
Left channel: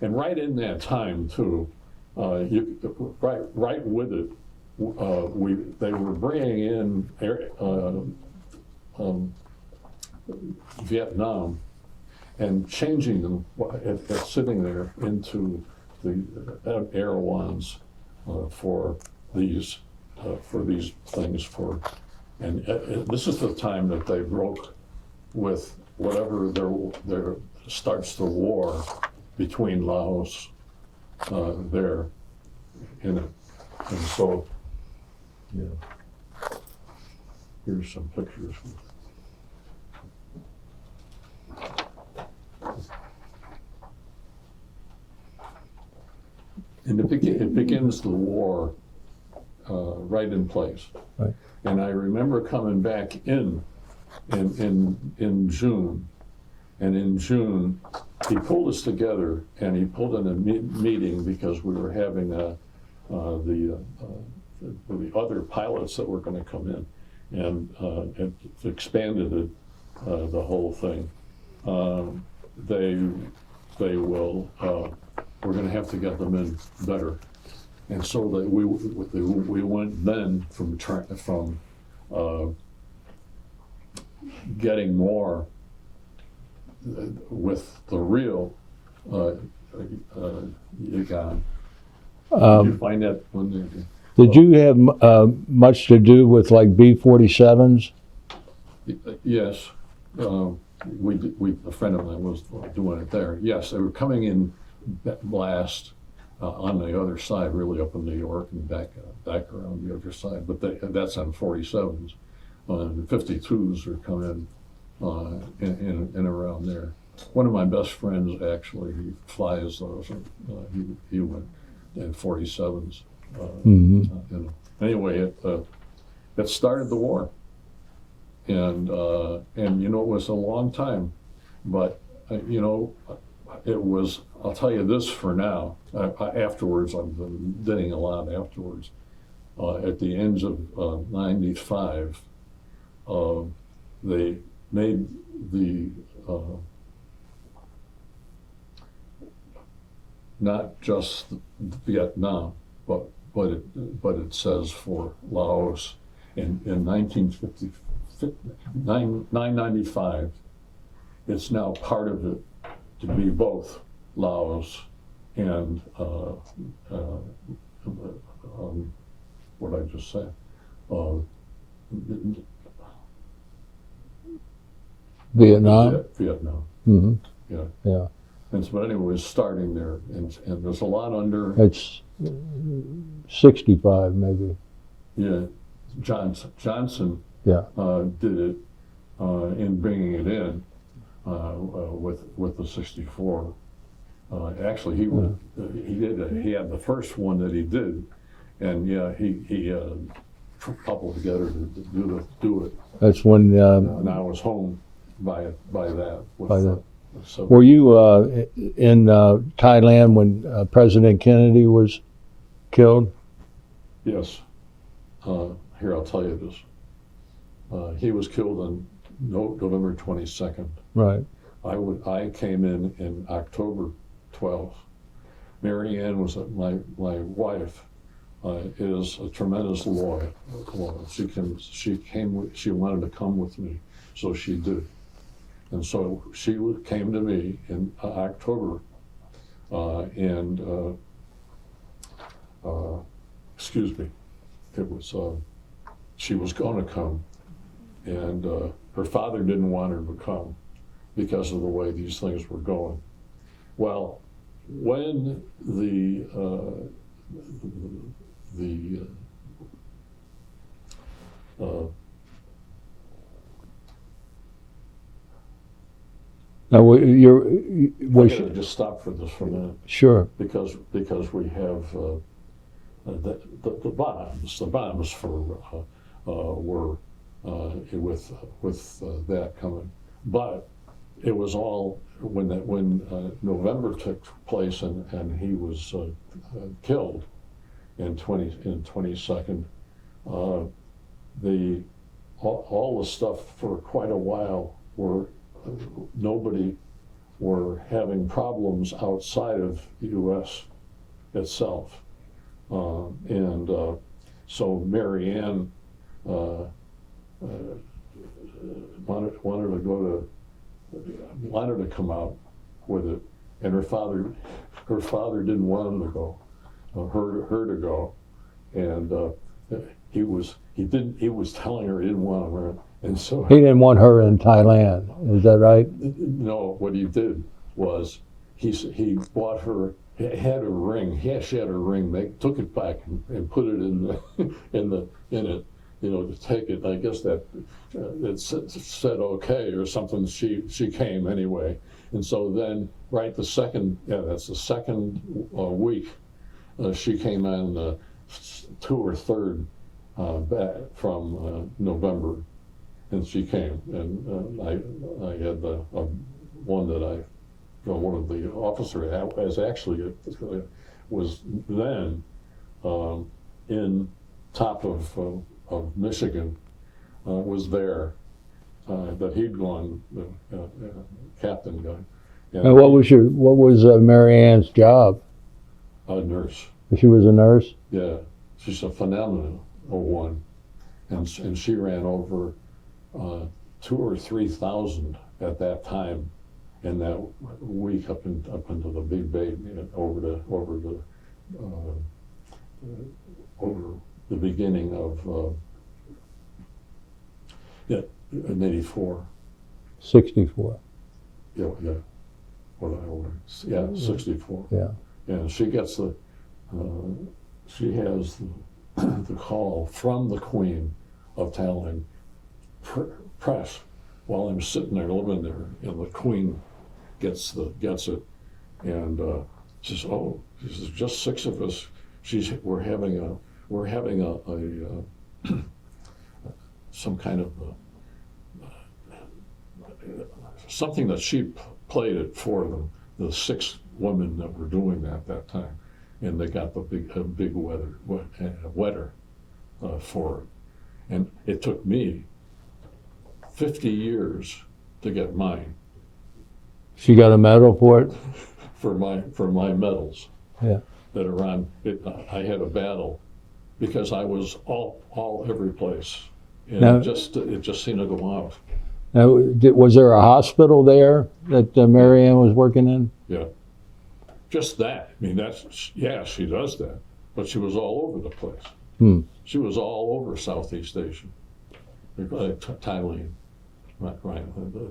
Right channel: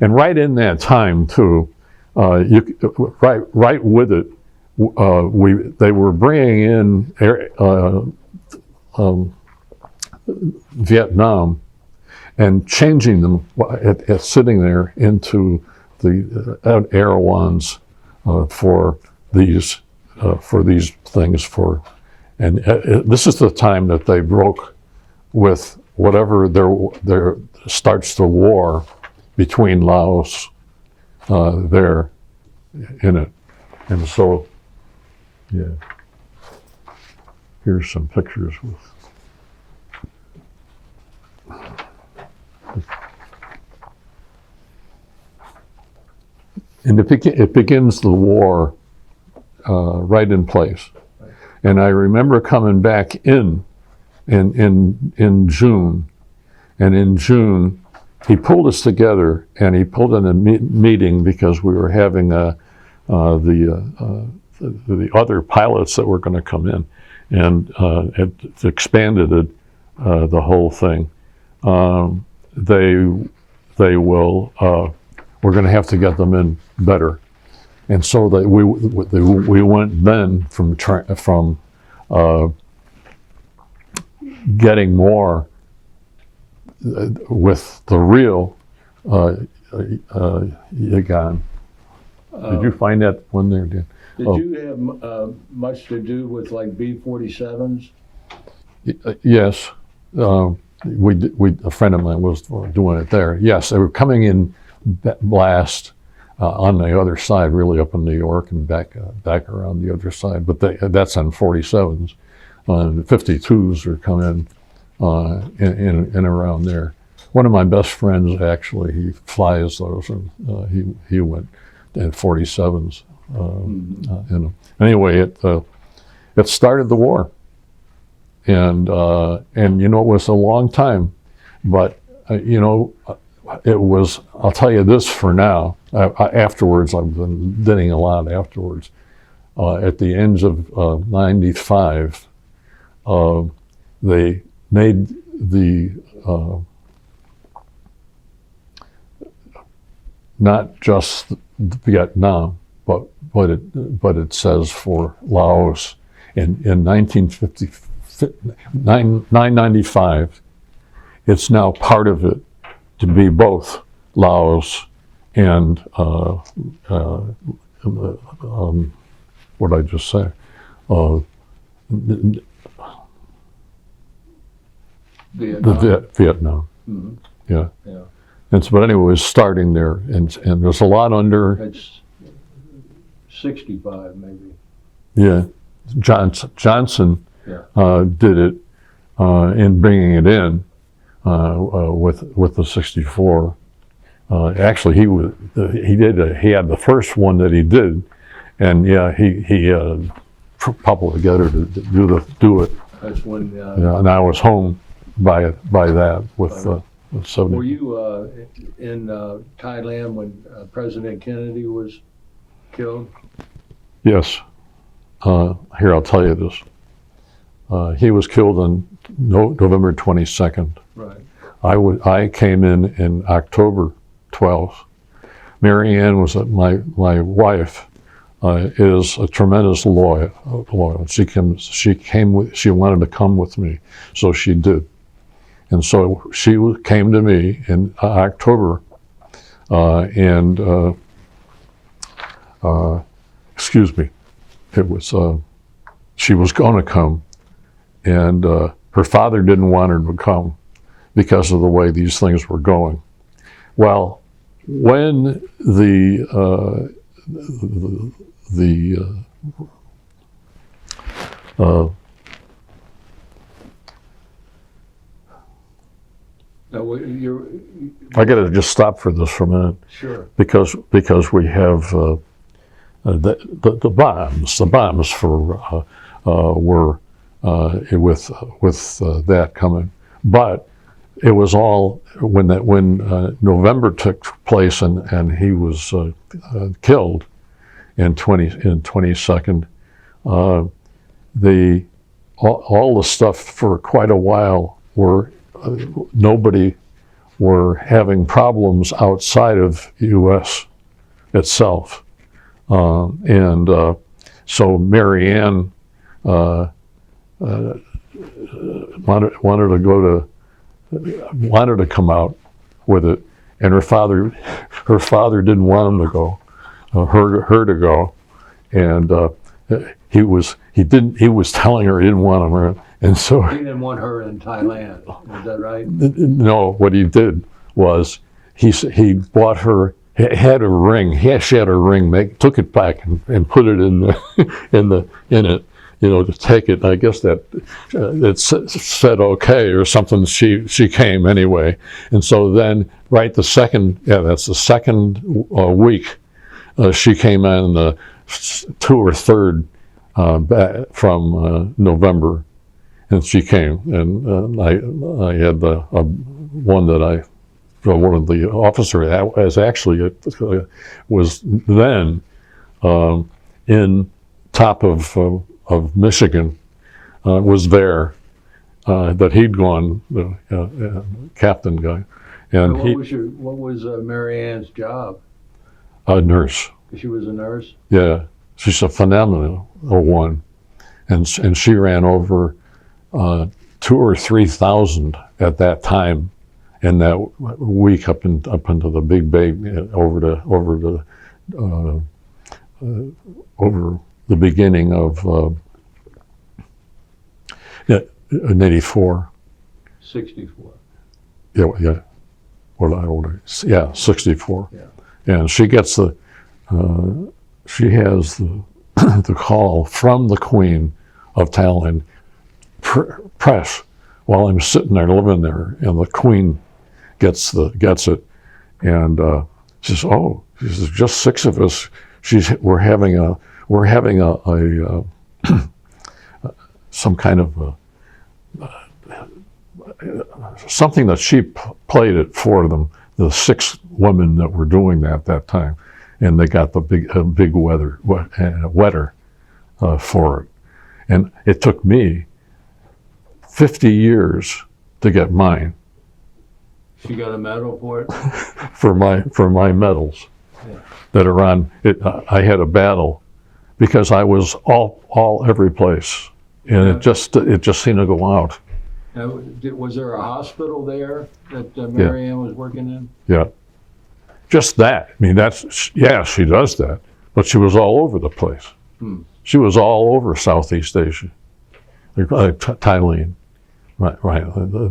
And right in that time too, right with it, they were bringing in Vietnam and changing them at sitting there into the Erewhons for these for these things and this is the time that they broke with whatever there starts the war between Laos there in it. And so, yeah, here's some pictures with. And it begins the war right in place. Right. And I remember coming back in June, and in June he pulled us together and he pulled in a meeting because we were having the other pilots that were going to come in, and it expanded it, the whole thing. They will. We're going to have to get them in better, and so that we went then from getting more with the real Yagan. Did you find that one there, Dan? Did you have much to do with like B-47s? Yes, a friend of mine was doing it there. Yes, they were coming in blast on the other side, really up in New York and back around the other side. But that's on 47s. 52s are coming in around there. One of my best friends, actually, he flies those, and he went in 47s. Anyway, it started the war, and you know, it was a long time, but you know, it was. I'll tell you this for now. Afterwards, I've been bidding a lot afterwards. At the end of '95, they made the not just Vietnam, but it says for Laos in 1995. It's now part of it to be both Laos and what did I just say? Vietnam. Vietnam. Mm-hmm. Yeah. Yeah. And so, but anyway, it was starting there, and there's a lot under. It's 65 maybe. Yeah, Johnson Yeah. did it in bringing it in with the 64. Actually, he had the first one that he did, and yeah, he coupled together to do it. That's when. And I was home by that with. Were you in Thailand when President Kennedy was killed? Yes. Here, I'll tell you this. He was killed on November 22nd. Right. I came in October 12th. Mary Ann was my wife. Is a tremendous loyal. She wanted to come with me, so she did. And so she came to me in October, excuse me, it was, she was going to come, and her father didn't want her to come because of the way these things were going. Well, when Now, I got to just stop for this for a minute. Sure. Because we have the bombs. The bombs for were with that coming, but it was all when November took place and he was killed in 22nd. All the stuff for quite a while were. Nobody were having problems outside of U.S. itself. And so Mary Ann wanted to come out with it, and her father didn't want him to go, her to go, and he was telling her he didn't want him around, and so He didn't want her in Thailand. Is that right? no, what he did was he bought her, had a ring. She had a ring. Took it back and put it in it. To take it. I guess that it said okay or something. She came anyway, and so then that's the second week. She came on the 2 or 3rd from November, and she came, and I had one of the officers that was actually was then in top of Michigan, was there, that he'd gone, the captain guy. And what was Mary Ann's job? A nurse. She was a nurse? Yeah, she's a phenomenal one. And she ran over 2,000 or 3,000 at that time in that week up into the Big Bay, over the beginning of in 84. 64. Yeah. What I older? Yeah, 64. Yeah. And she gets she has the call from the Queen of Thailand press while I'm sitting there living there, and the Queen gets it, and she says, "Oh, she says, just 6 of us. We're having a some kind of something that she played it for them, the 6 women that were doing that time, and they got the big wetter for it, and it took me 50 years to get mine." She got a medal for it? for my medals. Yeah. That are on it. I had a battle because I was all every place, and Now, it just seemed to go out. Now, was there a hospital there that Mary Ann was working in? Yeah, just that. I mean, she does that, but she was all over the place. She was all over Southeast Asia, Thailand. Right.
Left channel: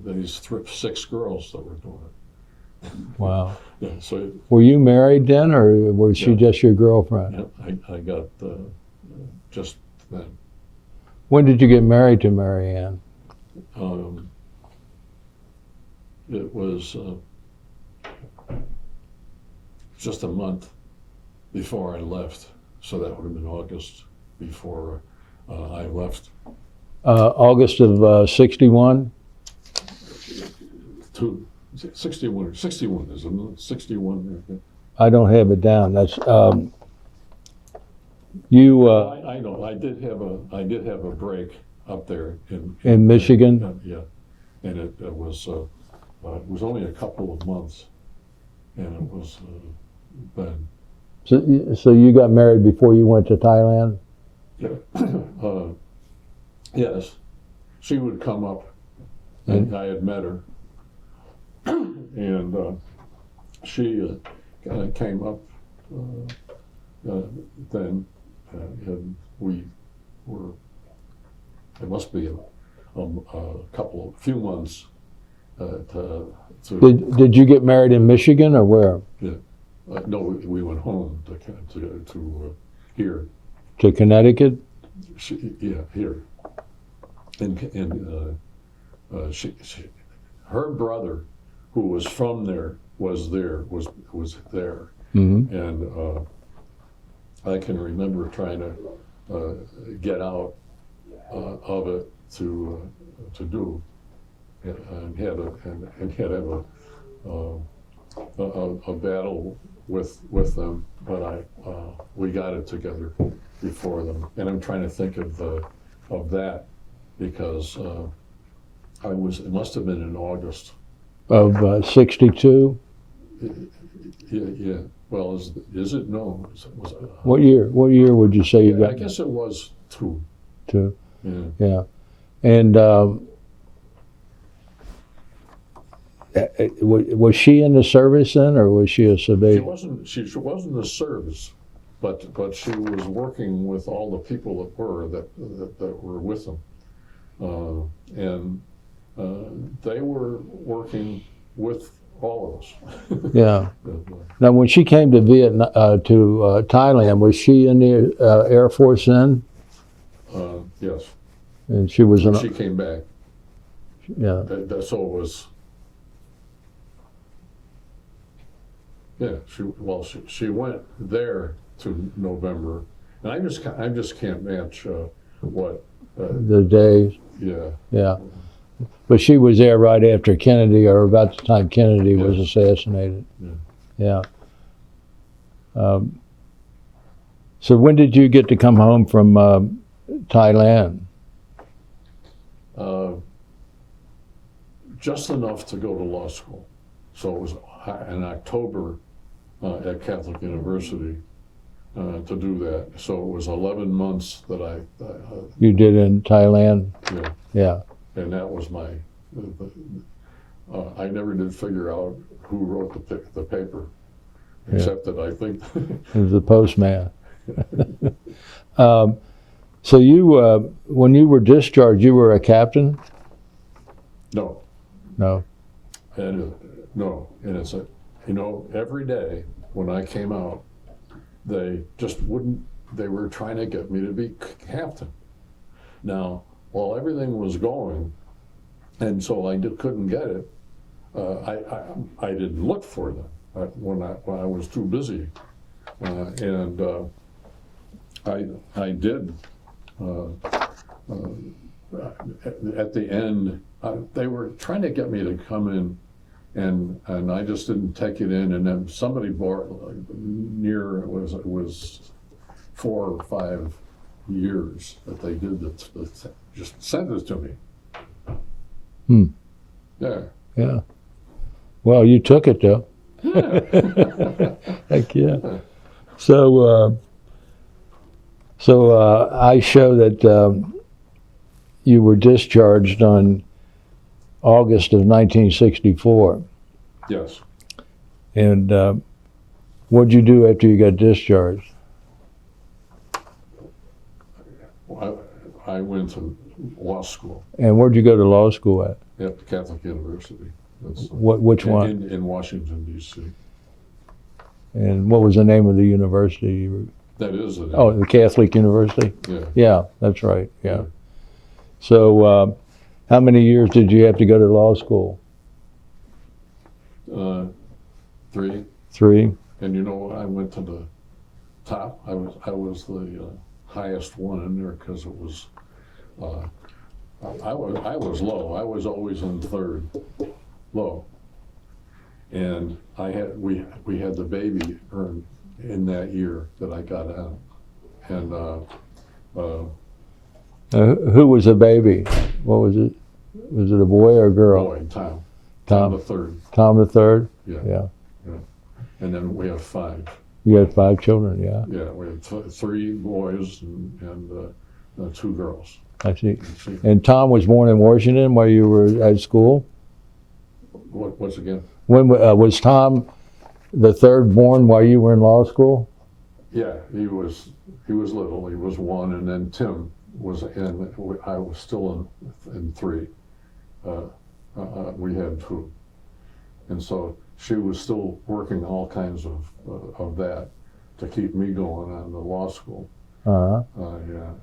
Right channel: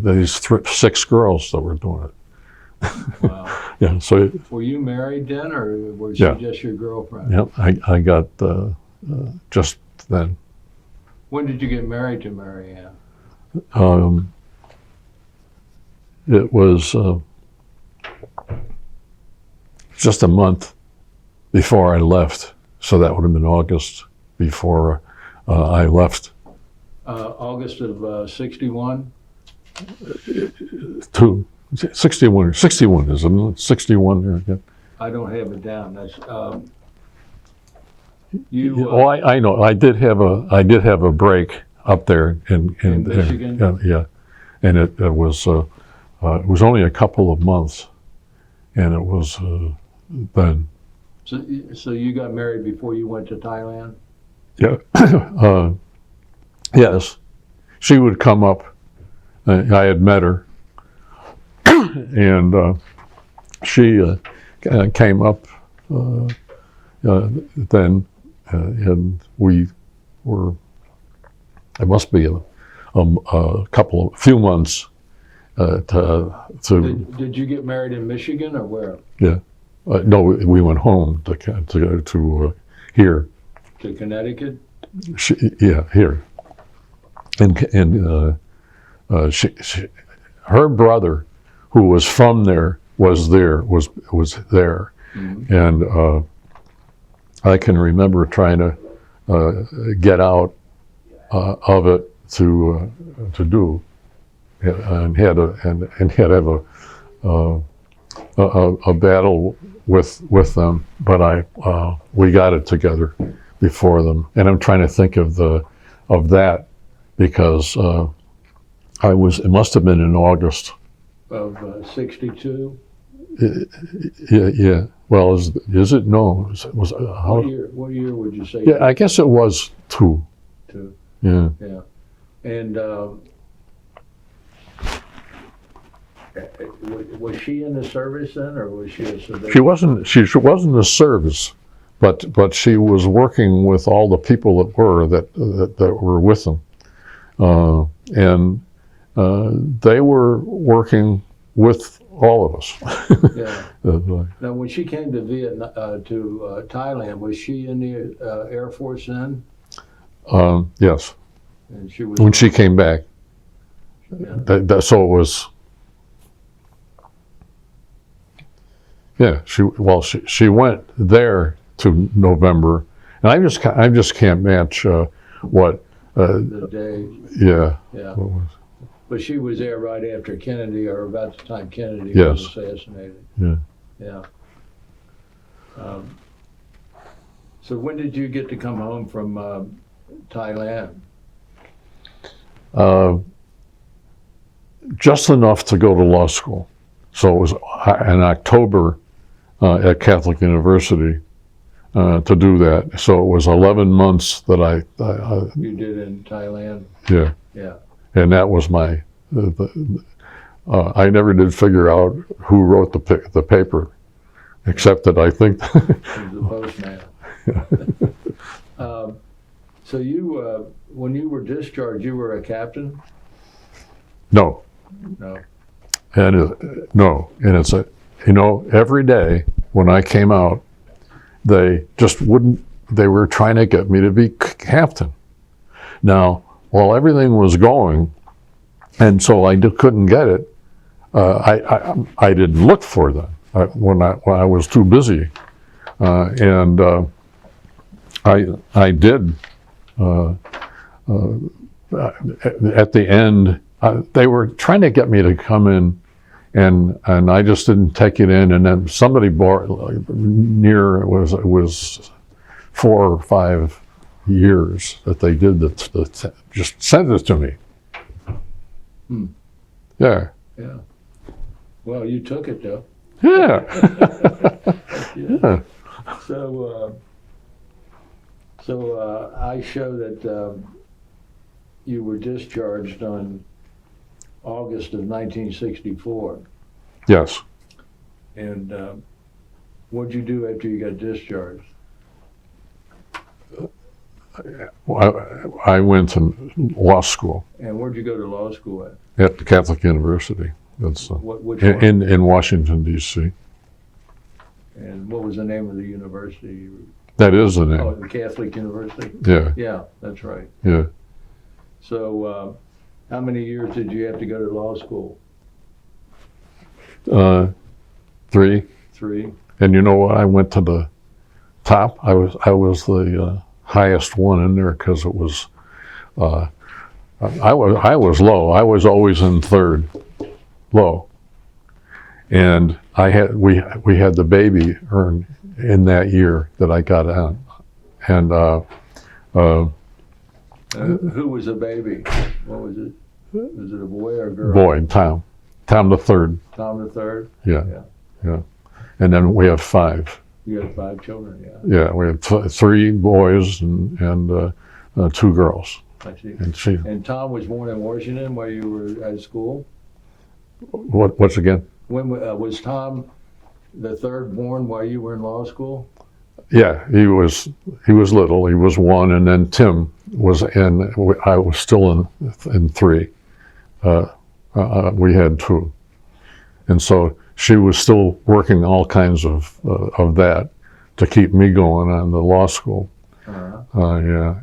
These 6 girls that were doing it. Wow. Yeah. So were you married then, or was she Yeah. just your girlfriend? yeah, I got just then. When did you get married to Mary Ann? It was just a month before I left, so that would have been August before I left. August of 61? 61, isn't it? 61. Yeah. I don't have it down. That's you. I know. I did have a break up there in Michigan. Yeah, and it was only a couple of months, and it was then. So you got married before you went to Thailand? Yeah. Yes, she would come up. I had met her, and she came up then, and we were. It must be a few months to. Did you get married in Michigan or where? Yeah, no, we went home to here. To Connecticut? Here. And her brother, who was from there, was there, Mm-hmm. and I can remember trying to get out of it to do, and had to have a battle with them, but we got it together before them, and I'm trying to think of that. Because it must have been in August Of 62? Yeah. Well, is it? No. What year would you say? Yeah, I guess it was 2. 2. Yeah. Yeah. And was she in the service then, or was she a civilian? She wasn't in the service, but she was working with all the people that were with them, and they were working with all of us. Yeah. Now, when she came to Thailand, was she in the Air Force then? Yes. And she was When she came back. Yeah. So it was. Yeah. She went there to November, and I just can't match what. The days. Yeah. Yeah. But she was there right after Kennedy, or about the time Kennedy was Yes. assassinated. Yeah. Yeah. So when did you get to come home from Thailand? Just enough to go to law school. So it was in October at Catholic University to do that. So it was 11 months that I You did in Thailand? yeah. Yeah. And that was my, I never did figure out who wrote the paper, except that I think. It was the postman. So you, when you were discharged, you were a captain? No. No. No. And it's every day when I came out, they just wouldn't, they were trying to get me to be captain. Now, while everything was going, and so I couldn't get it, I didn't look for them when I was too busy, and I did. At the end, they were trying to get me to come in, and I just didn't take it in. And then somebody bought it was 4 or 5 years that they did that just sent it to me. Yeah. Yeah. Well, you took it though. Yeah. Heck yeah. So, I show that you were discharged on August of 1964. Yes. And what'd you do after you got discharged? I went to law school And where'd you go to law school at? at Catholic University. That's Which one? in Washington, D.C. And what was the name of the university? That is the name. Oh, the Catholic University? Yeah. Yeah, that's right. Yeah. So how many years did you have to go to law school? 3. 3? And you know what? I went to the top. I was the highest one in there because it was. I was low. I was always in 3rd, low. And we had the baby earned in that year that I got out. And who was the baby? What was it? Was it a boy or a girl? boy, Tom. Tom the 3rd. Tom the 3rd? Yeah. Yeah. And then we have 5. You had 5 children, yeah. Yeah, we had 3 boys and 2 girls. I see. And And Tom was born in Washington while you were at school? what's again? When was Tom the 3rd born while you were in law school? Yeah, he was little. He was 1, and then Tim was in. I was still in 3. We had 2, and so she was still working all kinds of that to keep me going on the law school. Yeah,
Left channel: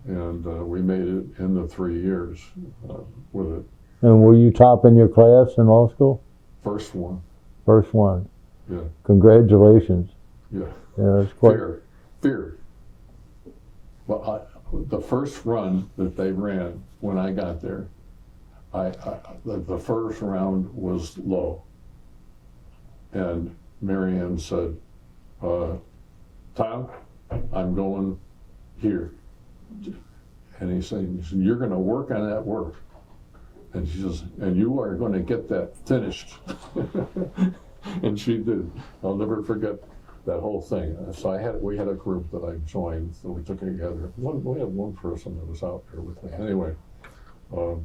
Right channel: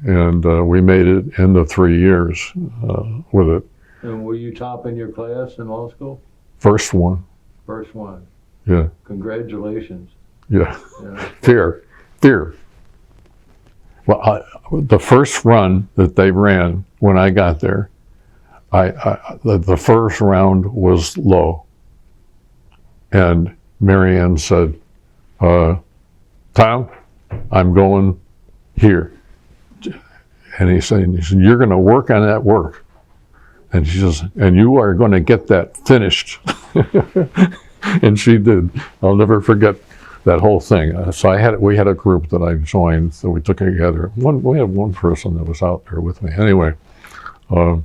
and we made it into 3 years with it. And were you top in your class in law school? First one. First one. Yeah. Congratulations. Yeah. Yeah, Fear. Well, the first run that they ran when I got there, the first round was low. And Marianne said, Tom, I'm going here. And he said, you're going to work on that work. And she says, and you are going to get that finished. And she did. I'll never forget that whole thing. So we had a group that I joined, so we took it together. We had one person that was out there with me. Anyway, I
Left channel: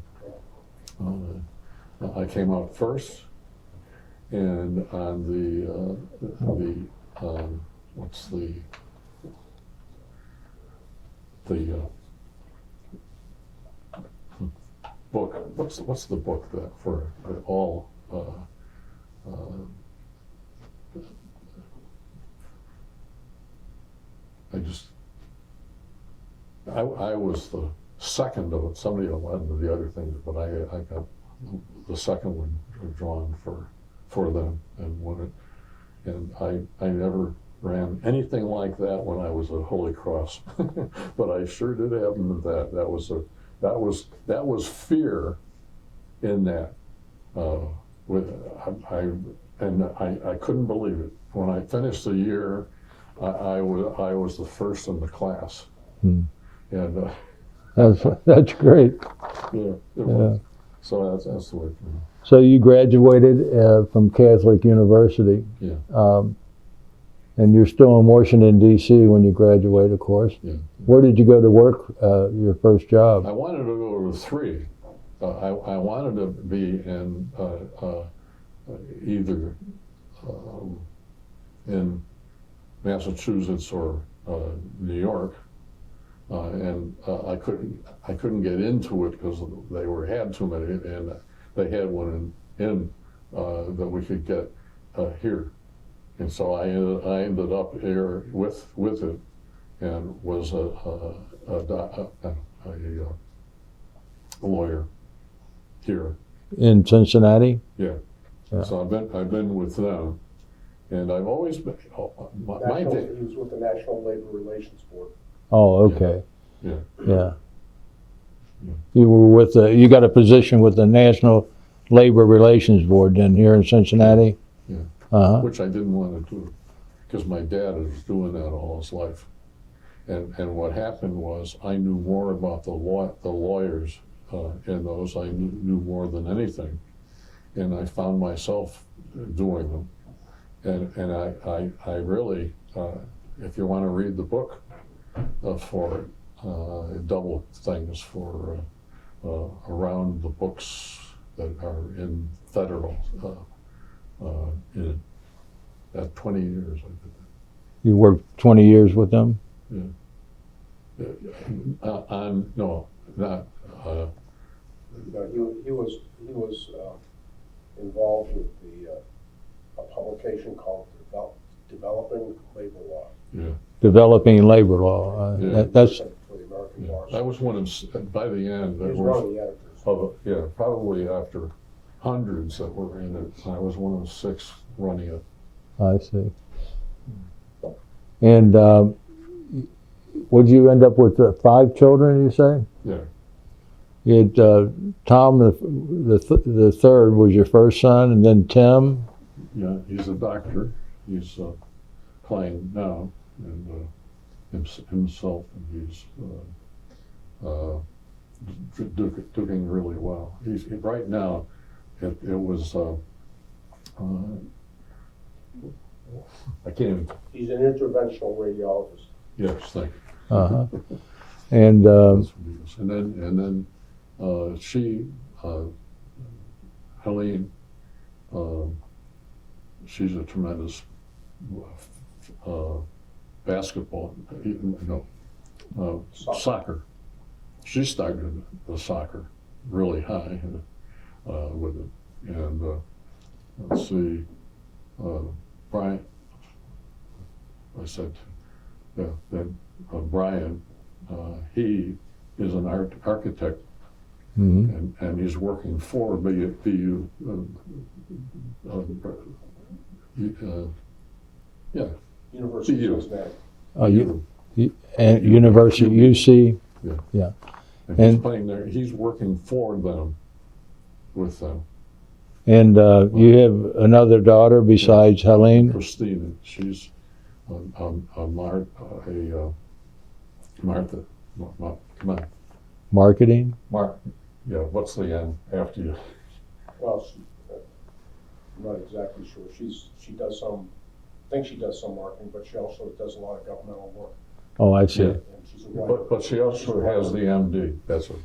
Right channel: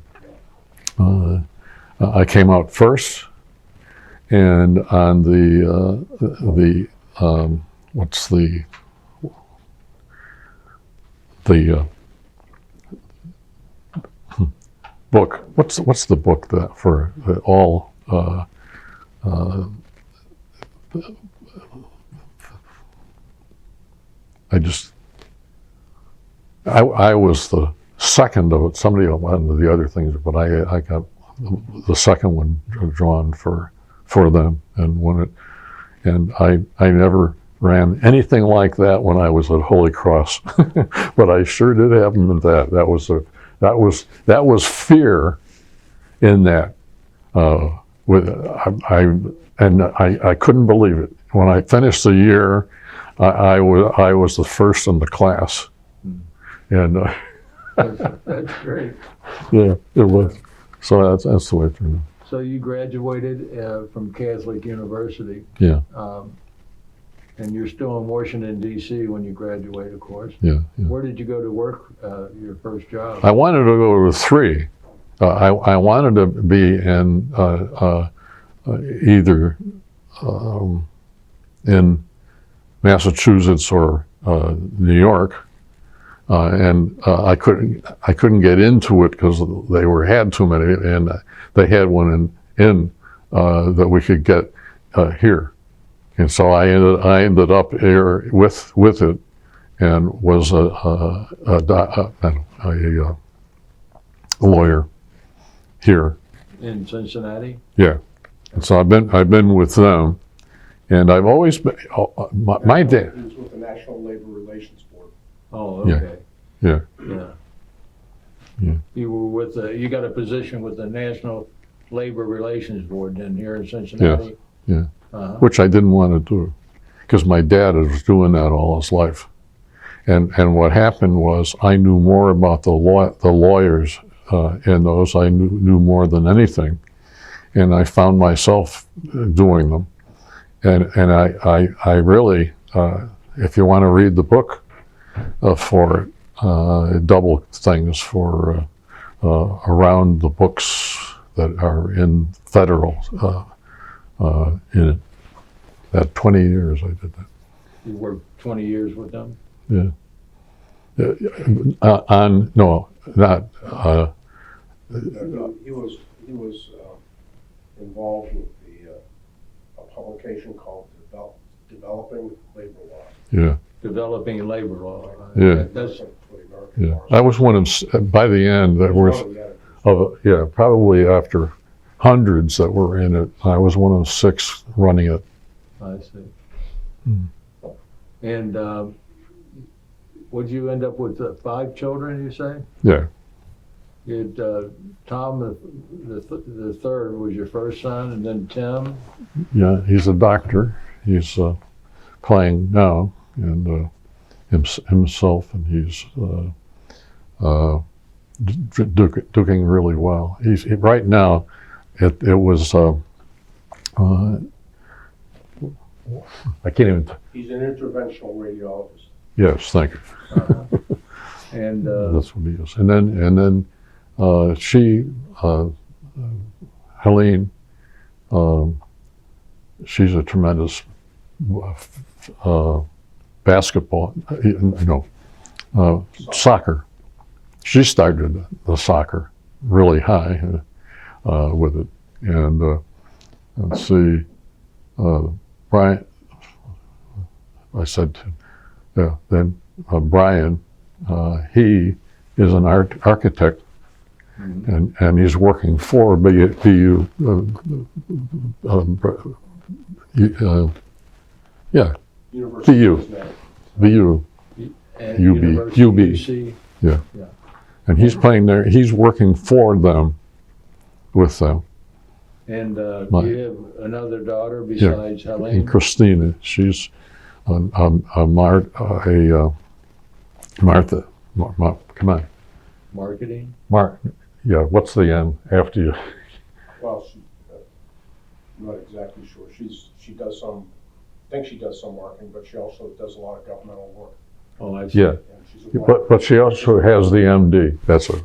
came out first, and on the what's the the book. What's the book that for all? I was the second of it. Somebody went into the other things, but I got the second one drawn for them, and I never ran anything like that when I was at Holy Cross, but I sure did have them in that. That was fear in that. I couldn't believe it. When I finished the year, I was the first in the class, and That's great. yeah, it was. Yeah. So that's the way it turned out. So you graduated from Catholic University, Yeah, and you're still in Washington, D.C. when you graduate, of course. yeah. Where did you go to work, your first job? I wanted to go to 3. I wanted to be in either in Massachusetts or New York, and I couldn't get into it because they had too many, and they had one in that we could get here, and so I ended up here with it, and was a lawyer here In Cincinnati? Yeah. So I've been with them, and I've always been. My dad. He was with the National Labor Relations Board. Oh, okay. Yeah. Yeah. Yeah. You were with you got a position with the National Labor Relations Board then here in Cincinnati? Yeah. Uh-huh. Which I didn't want to do, because my dad was doing that all his life, and what happened was I knew more about the lawyers in those. I knew more than anything, and I found myself doing them, and I really, if you want to read the book for it, double things for around the books that are in federal in it. That 20 years I did that. You worked 20 years with them? Yeah. No, not. He was involved with a publication called Developing Labor Law. Yeah. Developing labor law. Yeah. That's For the American Yeah. Bars. I was one of. By the end, there He was was. one of the editors. Yeah, probably after hundreds that were in it, I was one of 6 running it. I see. And would you end up with 5 children, you say? Yeah, You had Tom, the third was your first son, and then Tim. yeah. He's a doctor. He's playing now, and himself, and he's doing really well. Right now. It was. I can't even. He's an interventional radiologist. Yes, thank you. Uh-huh. And That's what he is. And then she, Helene, she's a tremendous basketball, soccer. She started the soccer really high with it. And let's see, Brian, I said, yeah, then Brian, he is an architect, and he's working for BU, yeah, University BU. of Cincinnati. BU, and UB. University UB. UC. yeah. Yeah. And he's And- playing there, he's working for them, with them. And you have another daughter besides Helene? Christina, she's Martha. Come on, Marketing? Yeah, what's the N after you? Well, I'm not exactly sure. She does some, I think she does some marketing, but she also does a lot of governmental work. Oh, I see. Yeah, And she's a but she also has the MD. That's her.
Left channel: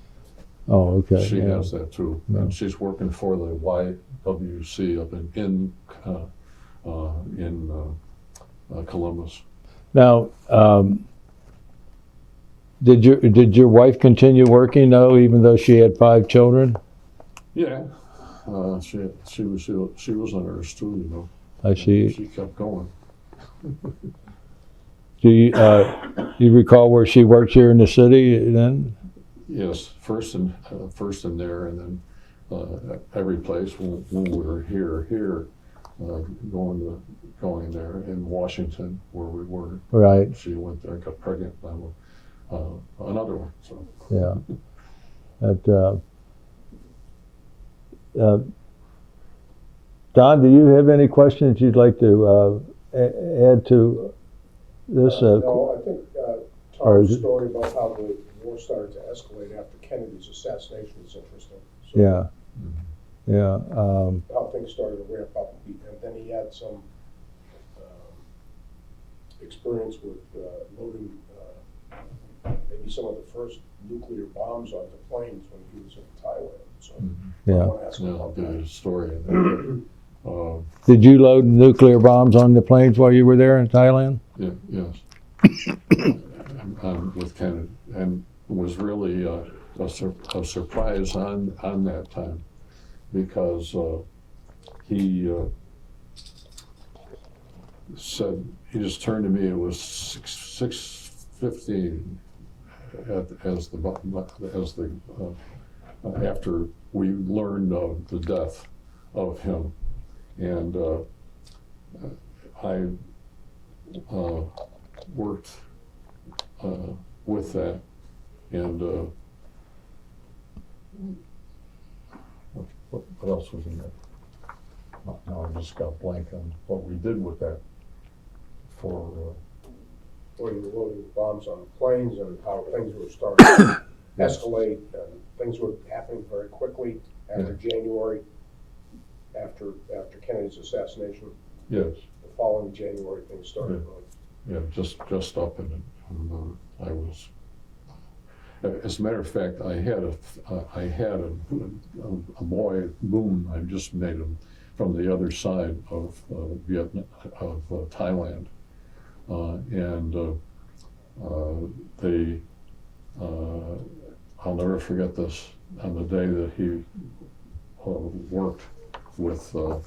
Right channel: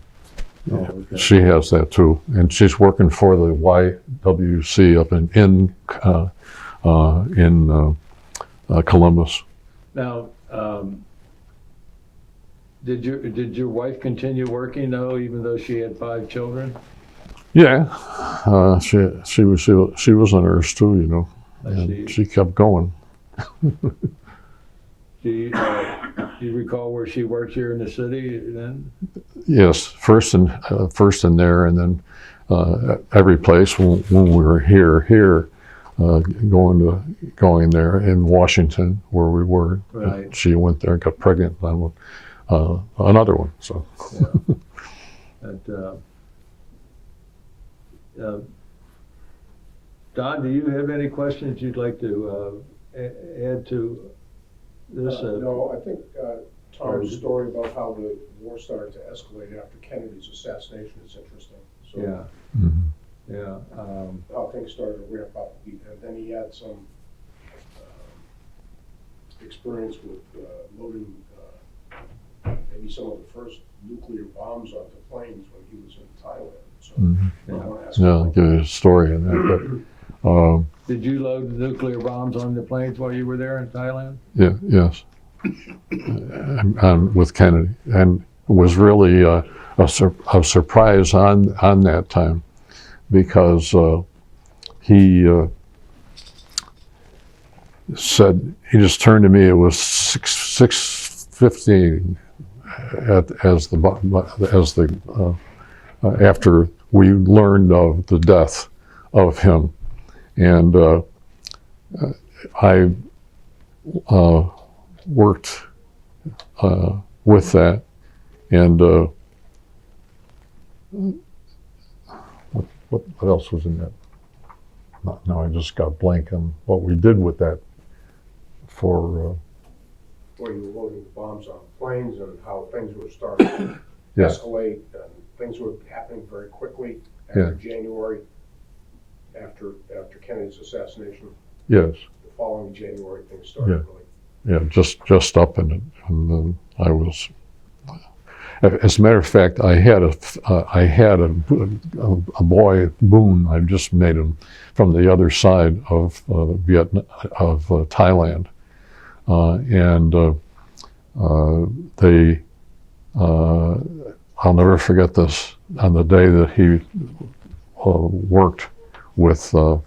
Oh, okay. She has that too, and she's working for the YWC up in Columbus. Now, Did your wife continue working though, even though she had 5 children? Yeah, she was a nurse too, you know. I see. She kept going. Do you recall where she worked here in the city then? Yes, first in there, and then every place when we were here, going there in Washington where we were. Right. She went there and got pregnant on another one. So Yeah. Don, do you have any questions you'd like to add to this? No, I think or is Tom's it- story about how the war started to escalate after Kennedy's assassination is interesting. So Yeah. mhm. Yeah. how things started to ramp up. And then he had some experience with loading maybe some of the first nuclear bombs onto planes when he was in Thailand. So Mhm. I Yeah. wanna ask Yeah, him I'll about give you a story on that. But, Did you load nuclear bombs on the planes while you were there in Thailand? yeah, yes, with Kennedy, and it was really a surprise on that time, because he said, he just turned to me. It was 6:15 after we learned of the death of him, and I worked with that, and what else was in that? Now I just got blank on what we did with that for. Or you were loading bombs on planes and how things were starting to Yeah. escalate. Things were happening very quickly after January, after Kennedy's assassination. Yes. The following January, things started Yeah, just up in it, and then I was. As a matter of fact, I had a boy, Boone. I just made him from the other side of Thailand, and they. I'll never forget this. On the day that he worked with that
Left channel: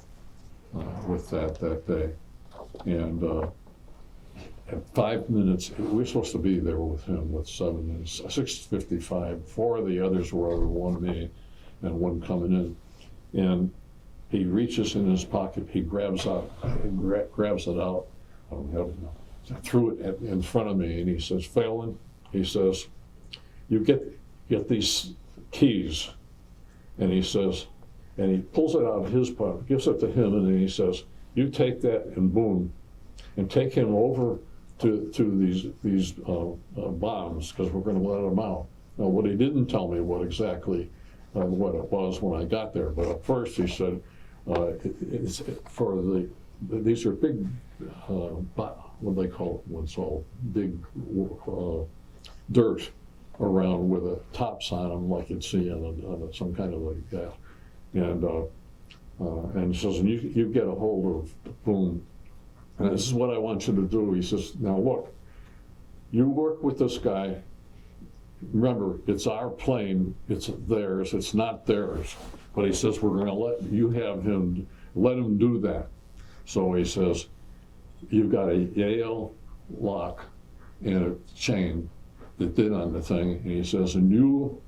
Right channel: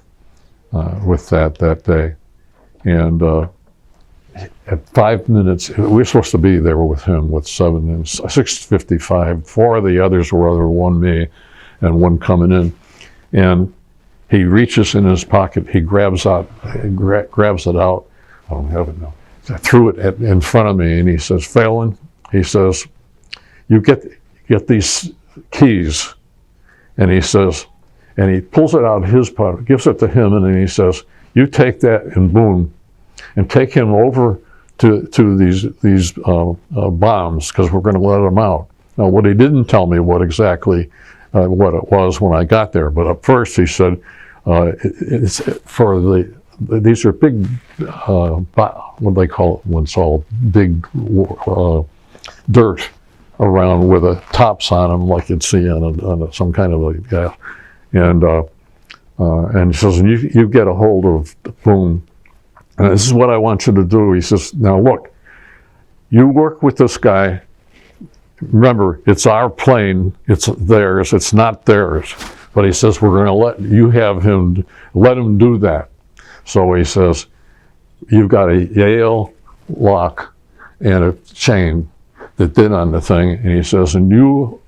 day, and at 5 minutes, we were supposed to be there with him with 6:55. 4 of the others were other, 1 me, and 1 coming in, and he reaches in his pocket. He grabs it out. I don't have it now. I threw it in front of me, and he says, "Phalen," he says, "you get these keys," and he says, and he pulls it out of his pocket, gives it to him, and then he says, "You take that and Boone, and take him over to these bombs, because we're going to let them out." Now, what he didn't tell me what exactly what it was when I got there, but at first he said, "It's for these are big, what do they call it when it's all big dirt around with the tops on them, like you'd see on some kind of a gas." And he says, "And you get a hold of Boone, and this is what I want you to do." He says, "Now look, you work with this guy. Remember, it's our plane, it's theirs, it's not theirs." But he says, "We're going to let him do that." So he says, "You've got a Yale lock and a chain that did on the thing," and he says, "and you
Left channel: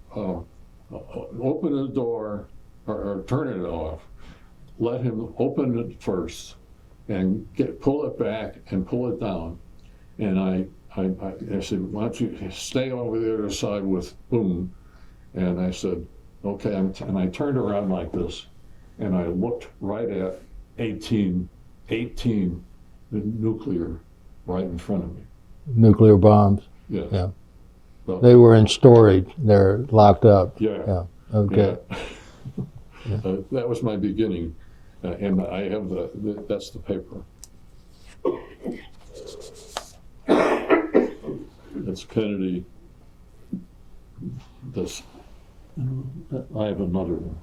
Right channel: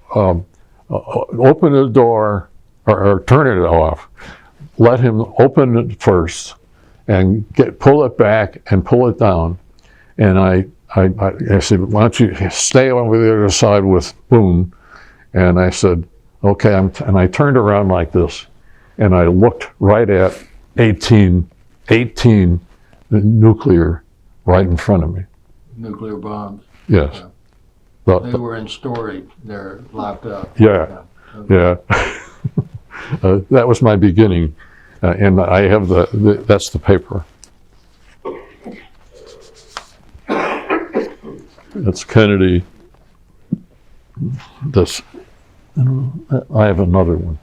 open the door or turn it off. Let him open it first and pull it back and pull it down." And I said, "Why don't you stay over the other side with Boone?" And I said, "Okay." And I turned around like this, and I looked right at 18 nuclear right in front of me. Nuclear bombs. Yes. Yeah. But- They were in storage. They're locked up. yeah. Okay. Yeah. That was my beginning, and I have that's the paper. It's Kennedy. I have another one.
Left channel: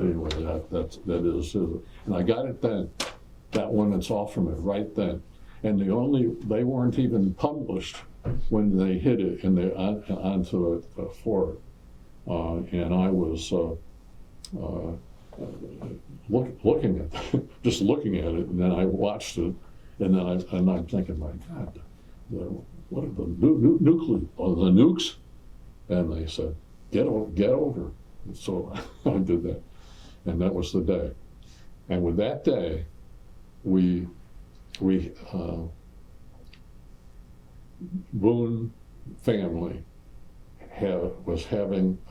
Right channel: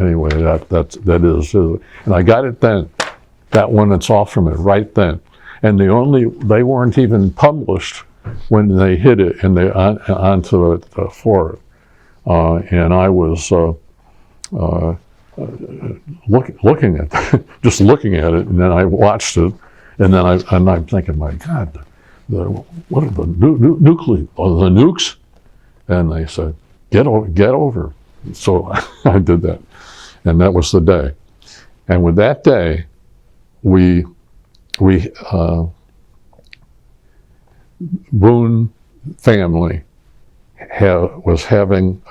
Anyway, that is, and I got it then. That one, it's off from it right then, and they weren't even published when they hit it and they onto the floor, and I was looking at just looking at it, and then I watched it, and then I'm thinking, my God, what are the the nukes? And they said, get over. So I did that, and that was the day. And with that day, we Boone family was having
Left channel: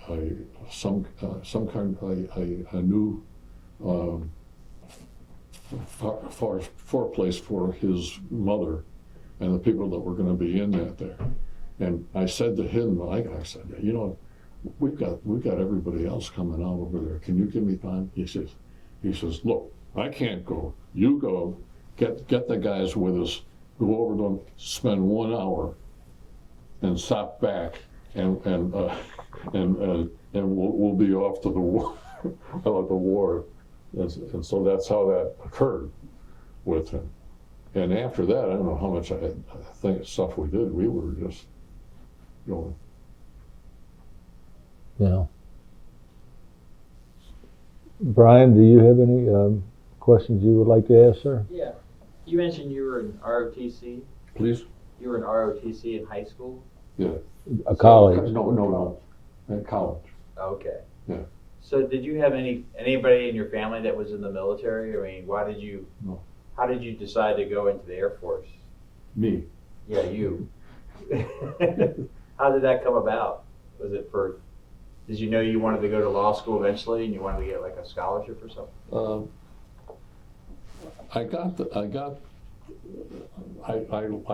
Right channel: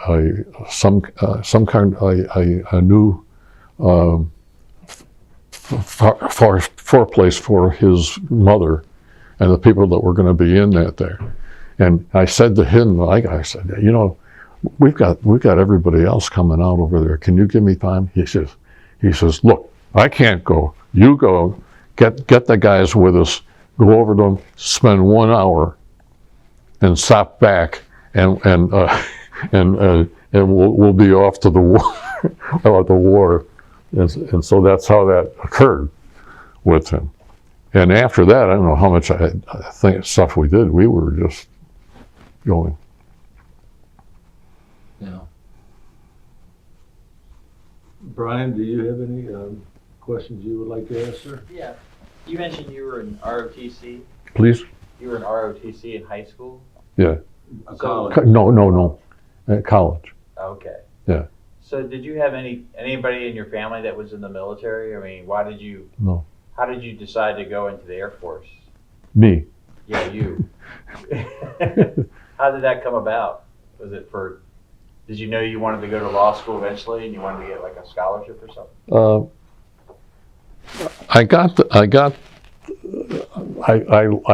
some kind a new place for his mother and the people that were going to be in that there. And I said to him, I said, you know, we've got everybody else coming out over there. Can you give me time? He says, look, I can't go. You go. Get the guys with us. Go over to them. Spend 1 hour, and stop back, and we'll be off to the war. And so that's how that occurred with him. And after that, I don't know how much I think stuff we did. We were just going. Yeah. Brian, do you have any questions you would like to ask, sir? Yeah. You mentioned you were in ROTC. Please? You were in ROTC in high school? Yeah. A college? No. At college. Okay. Yeah. So did you have anybody in your family that was in the military? I mean, No. How did you decide to go into the Air Force? Me. Yeah, you. How did that come about? Was it did you know you wanted to go to law school eventually and you wanted to get like a scholarship or something? I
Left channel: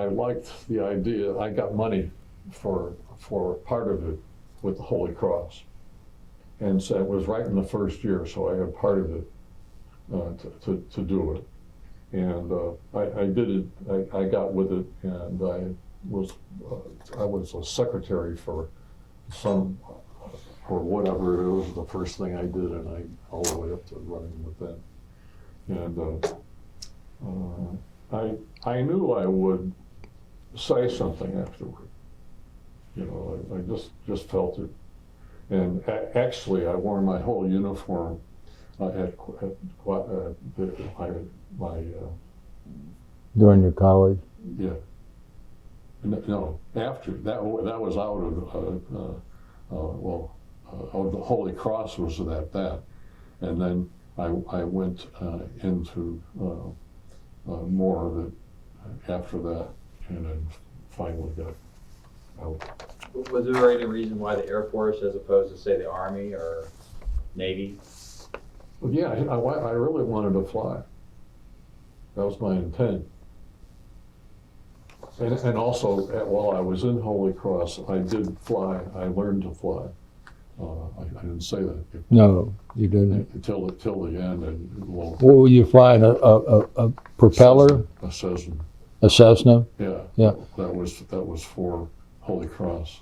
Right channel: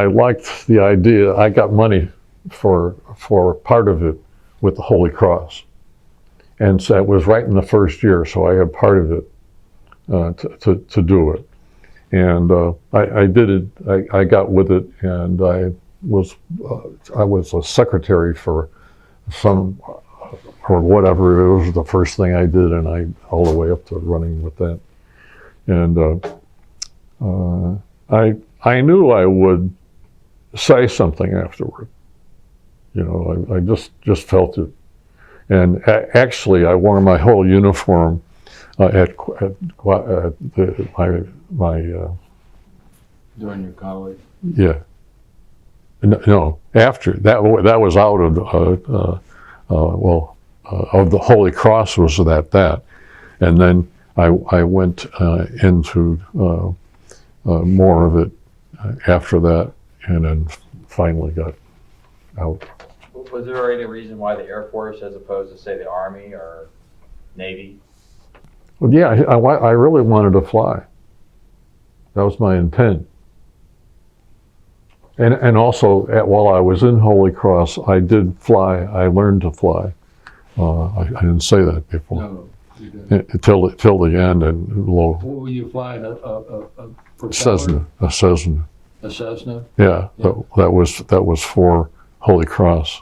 liked the idea. I got money for part of it with the Holy Cross. And so it was right in the first year, so I had part of it to do it. And I did it, I got with it, and I was a secretary for or whatever. It was the first thing I did, and all the way up to running with that. And I knew I would say something afterward. You know, I just felt it. And actually, I wore my whole uniform at my During your college? yeah. No, after that was out of of the Holy Cross was that, and then I went into more of it after that, and then finally got out. Was there any reason why the Air Force as opposed to, say, the Army or Navy? Well, yeah, I really wanted to fly. That was my intent. And also, while I was in Holy Cross, I did fly. I learned to fly. I didn't say that before. No, you didn't. Until the end, and low. What were you flying? A propeller? A Cessna. A Cessna? Yeah, Yeah. That was for Holy Cross.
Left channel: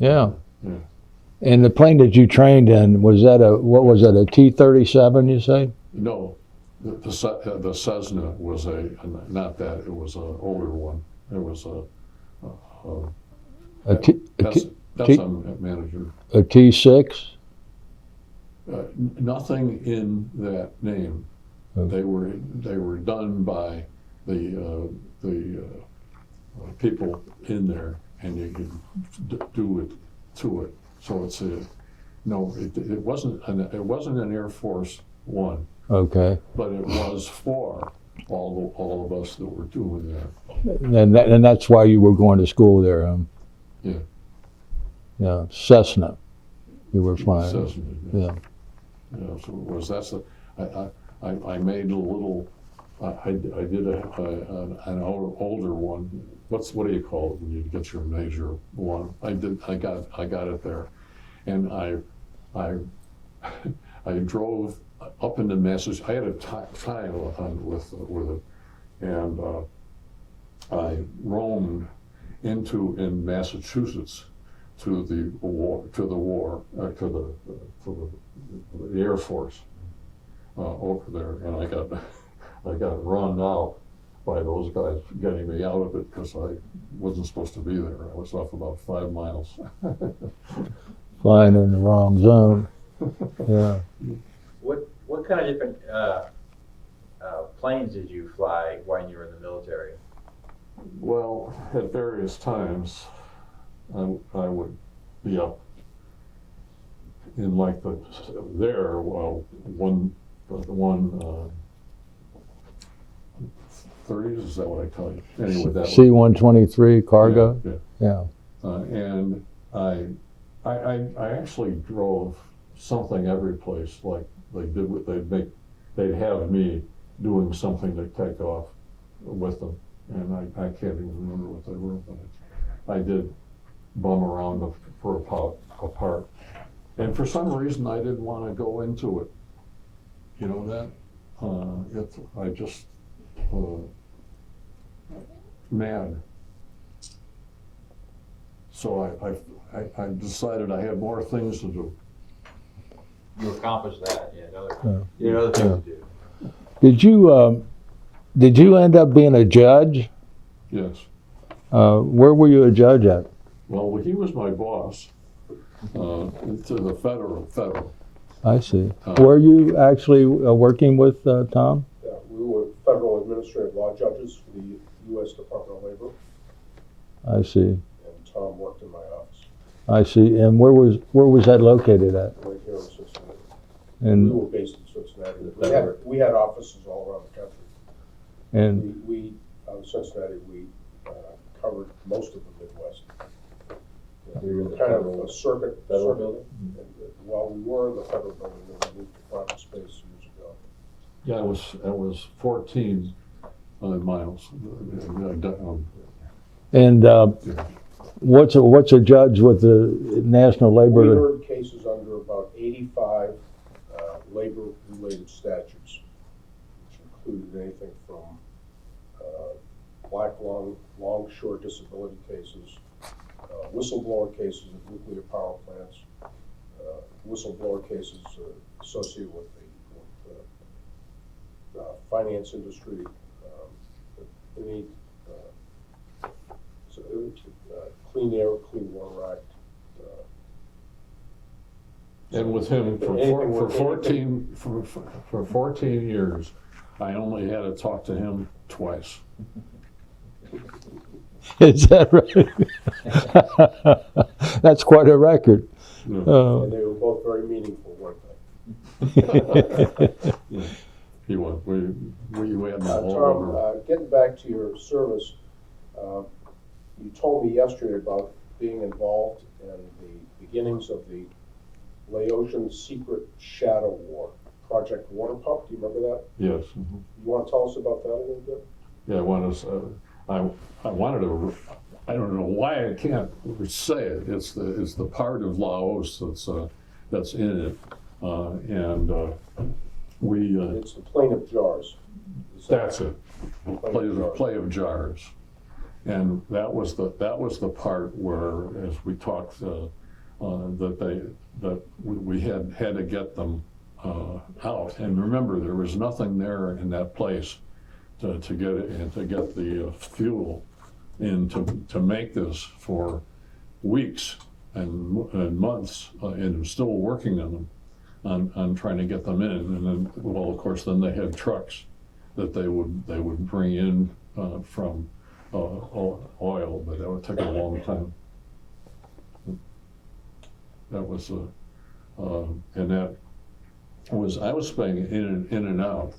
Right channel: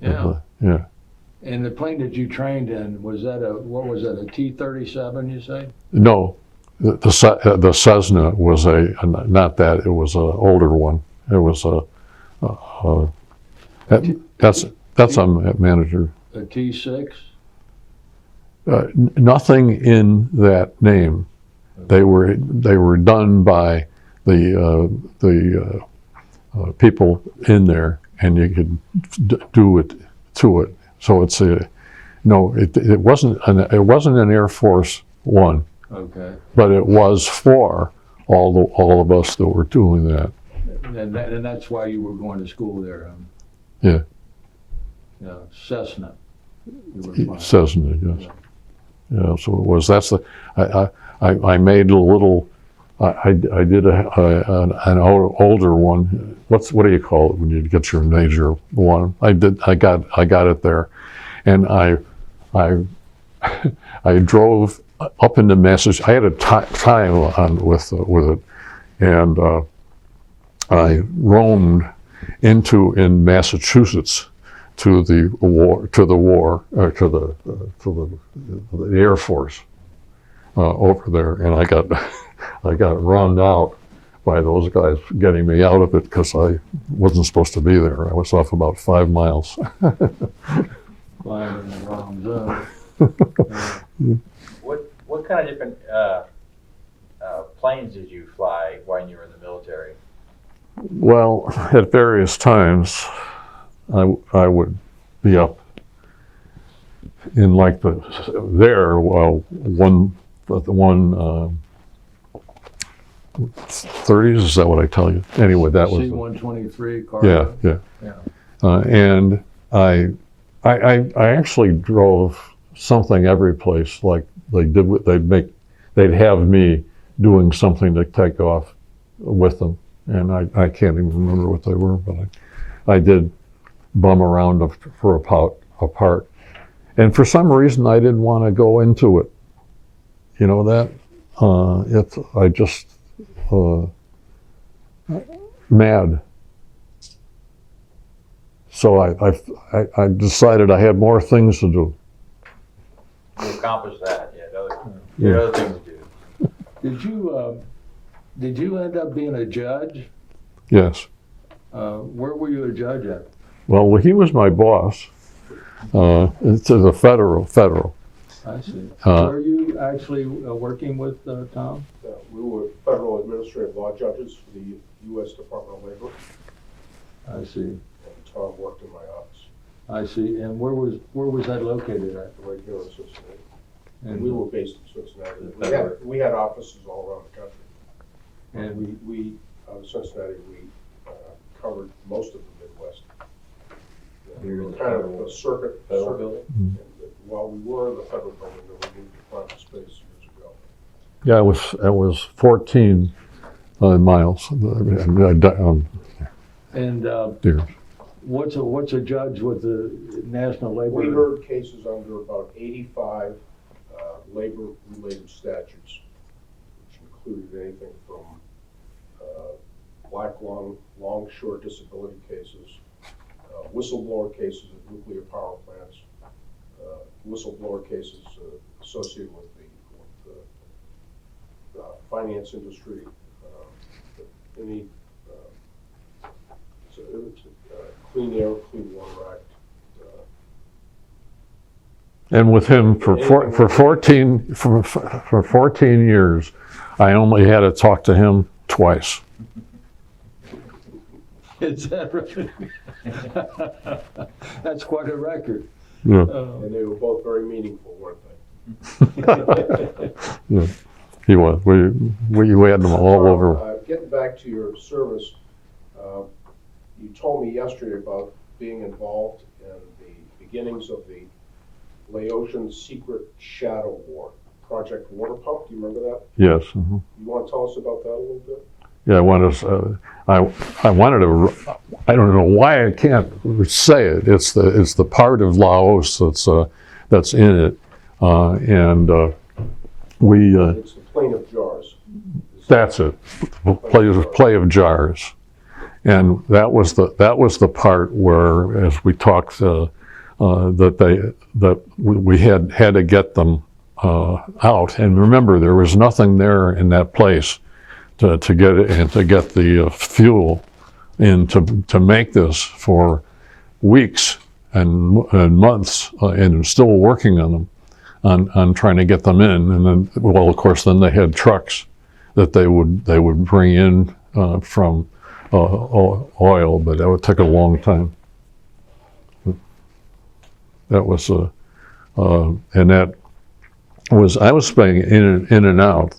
Yeah. Yeah. And the plane that you trained in, what was that, a T-37, you say? No, the Cessna was not that. It was an older one. It was that's a manager. A T-6? Nothing in that name. Okay. They were done by the people in there, and you could do it to it. So it's it wasn't an Air Force One. Okay. But it was for all of us that were doing that. And that's why you were going to school there, Yeah. Yeah, Cessna. You were flying. Cessna, yes. Yeah. Yeah. So it was. That's I made a little. I did an older one. What do you call it when you get your major one? I got it there, and I drove up into Massachusetts. I had a time on with it, and I roamed in Massachusetts to the Air Force over there, and I got run out by those guys getting me out of it because I wasn't supposed to be there. I was off about 5 miles. Flying in the wrong zone. Yeah. What kind of different planes did you fly when you were in the military? Well, at various times, I would be up in like the 30s, is that what I tell you? Anyway, that was C-123 cargo. yeah. Yeah. And I actually drove something every place. Like they'd have me doing something to take off with them, and I can't even remember what they were, but I did bum around for a part. And for some reason, I didn't want to go into it. You know that? I just mad. So I decided I had more things to do. You accomplished that. You had other things to do. Did you end up being a judge? Yes. Where were you a judge at? Well, he was my boss. It's a federal. I see. Were you actually working with Tom? Yeah, we were federal administrative law judges for the U.S. Department of Labor, I see. and Tom worked in my office I see. And where was that located at? right here in Cincinnati. We And were based in Cincinnati. We had offices all around the country. and We out of Cincinnati, we covered most of the Midwest. You were in the Kind of federal- a circuit. Federal building? And while we were in the federal building, we moved to private space years ago. Yeah, it was 14 miles. Dear. what's a judge with the National We Labor? heard cases under about 85 labor-related statutes, which included anything from black long, short disability cases, whistleblower cases at nuclear power plants, whistleblower cases associated with the finance industry, any Clean Air, Clean Water Act. And with him for 14 years, I only had to talk to him twice. Is that right? That's quite a record. Yeah. And they were both very meaningful, weren't they? Yeah. He was. We had them all over. Getting back to your service, you told me yesterday about being involved in the beginnings of the Laotian Secret Shadow War, Project Water Pump. Do you remember that? Yes. Mm-hmm. You want to tell us about that a little bit? Yeah, I wanted to. I don't know why I can't say it. It's the part of Laos that's in it, and we. It's the Plain of Jars. That's it. Play of jars, and that was the part where, as we talked, that we had to get them out. And remember, there was nothing there in that place to get it and to get the fuel in to make this for weeks and months, and still working on them, on trying to get them in. And then, well, of course, then they had trucks that they would bring in from oil, but that would take a long time. That was and that was, I was staying in and out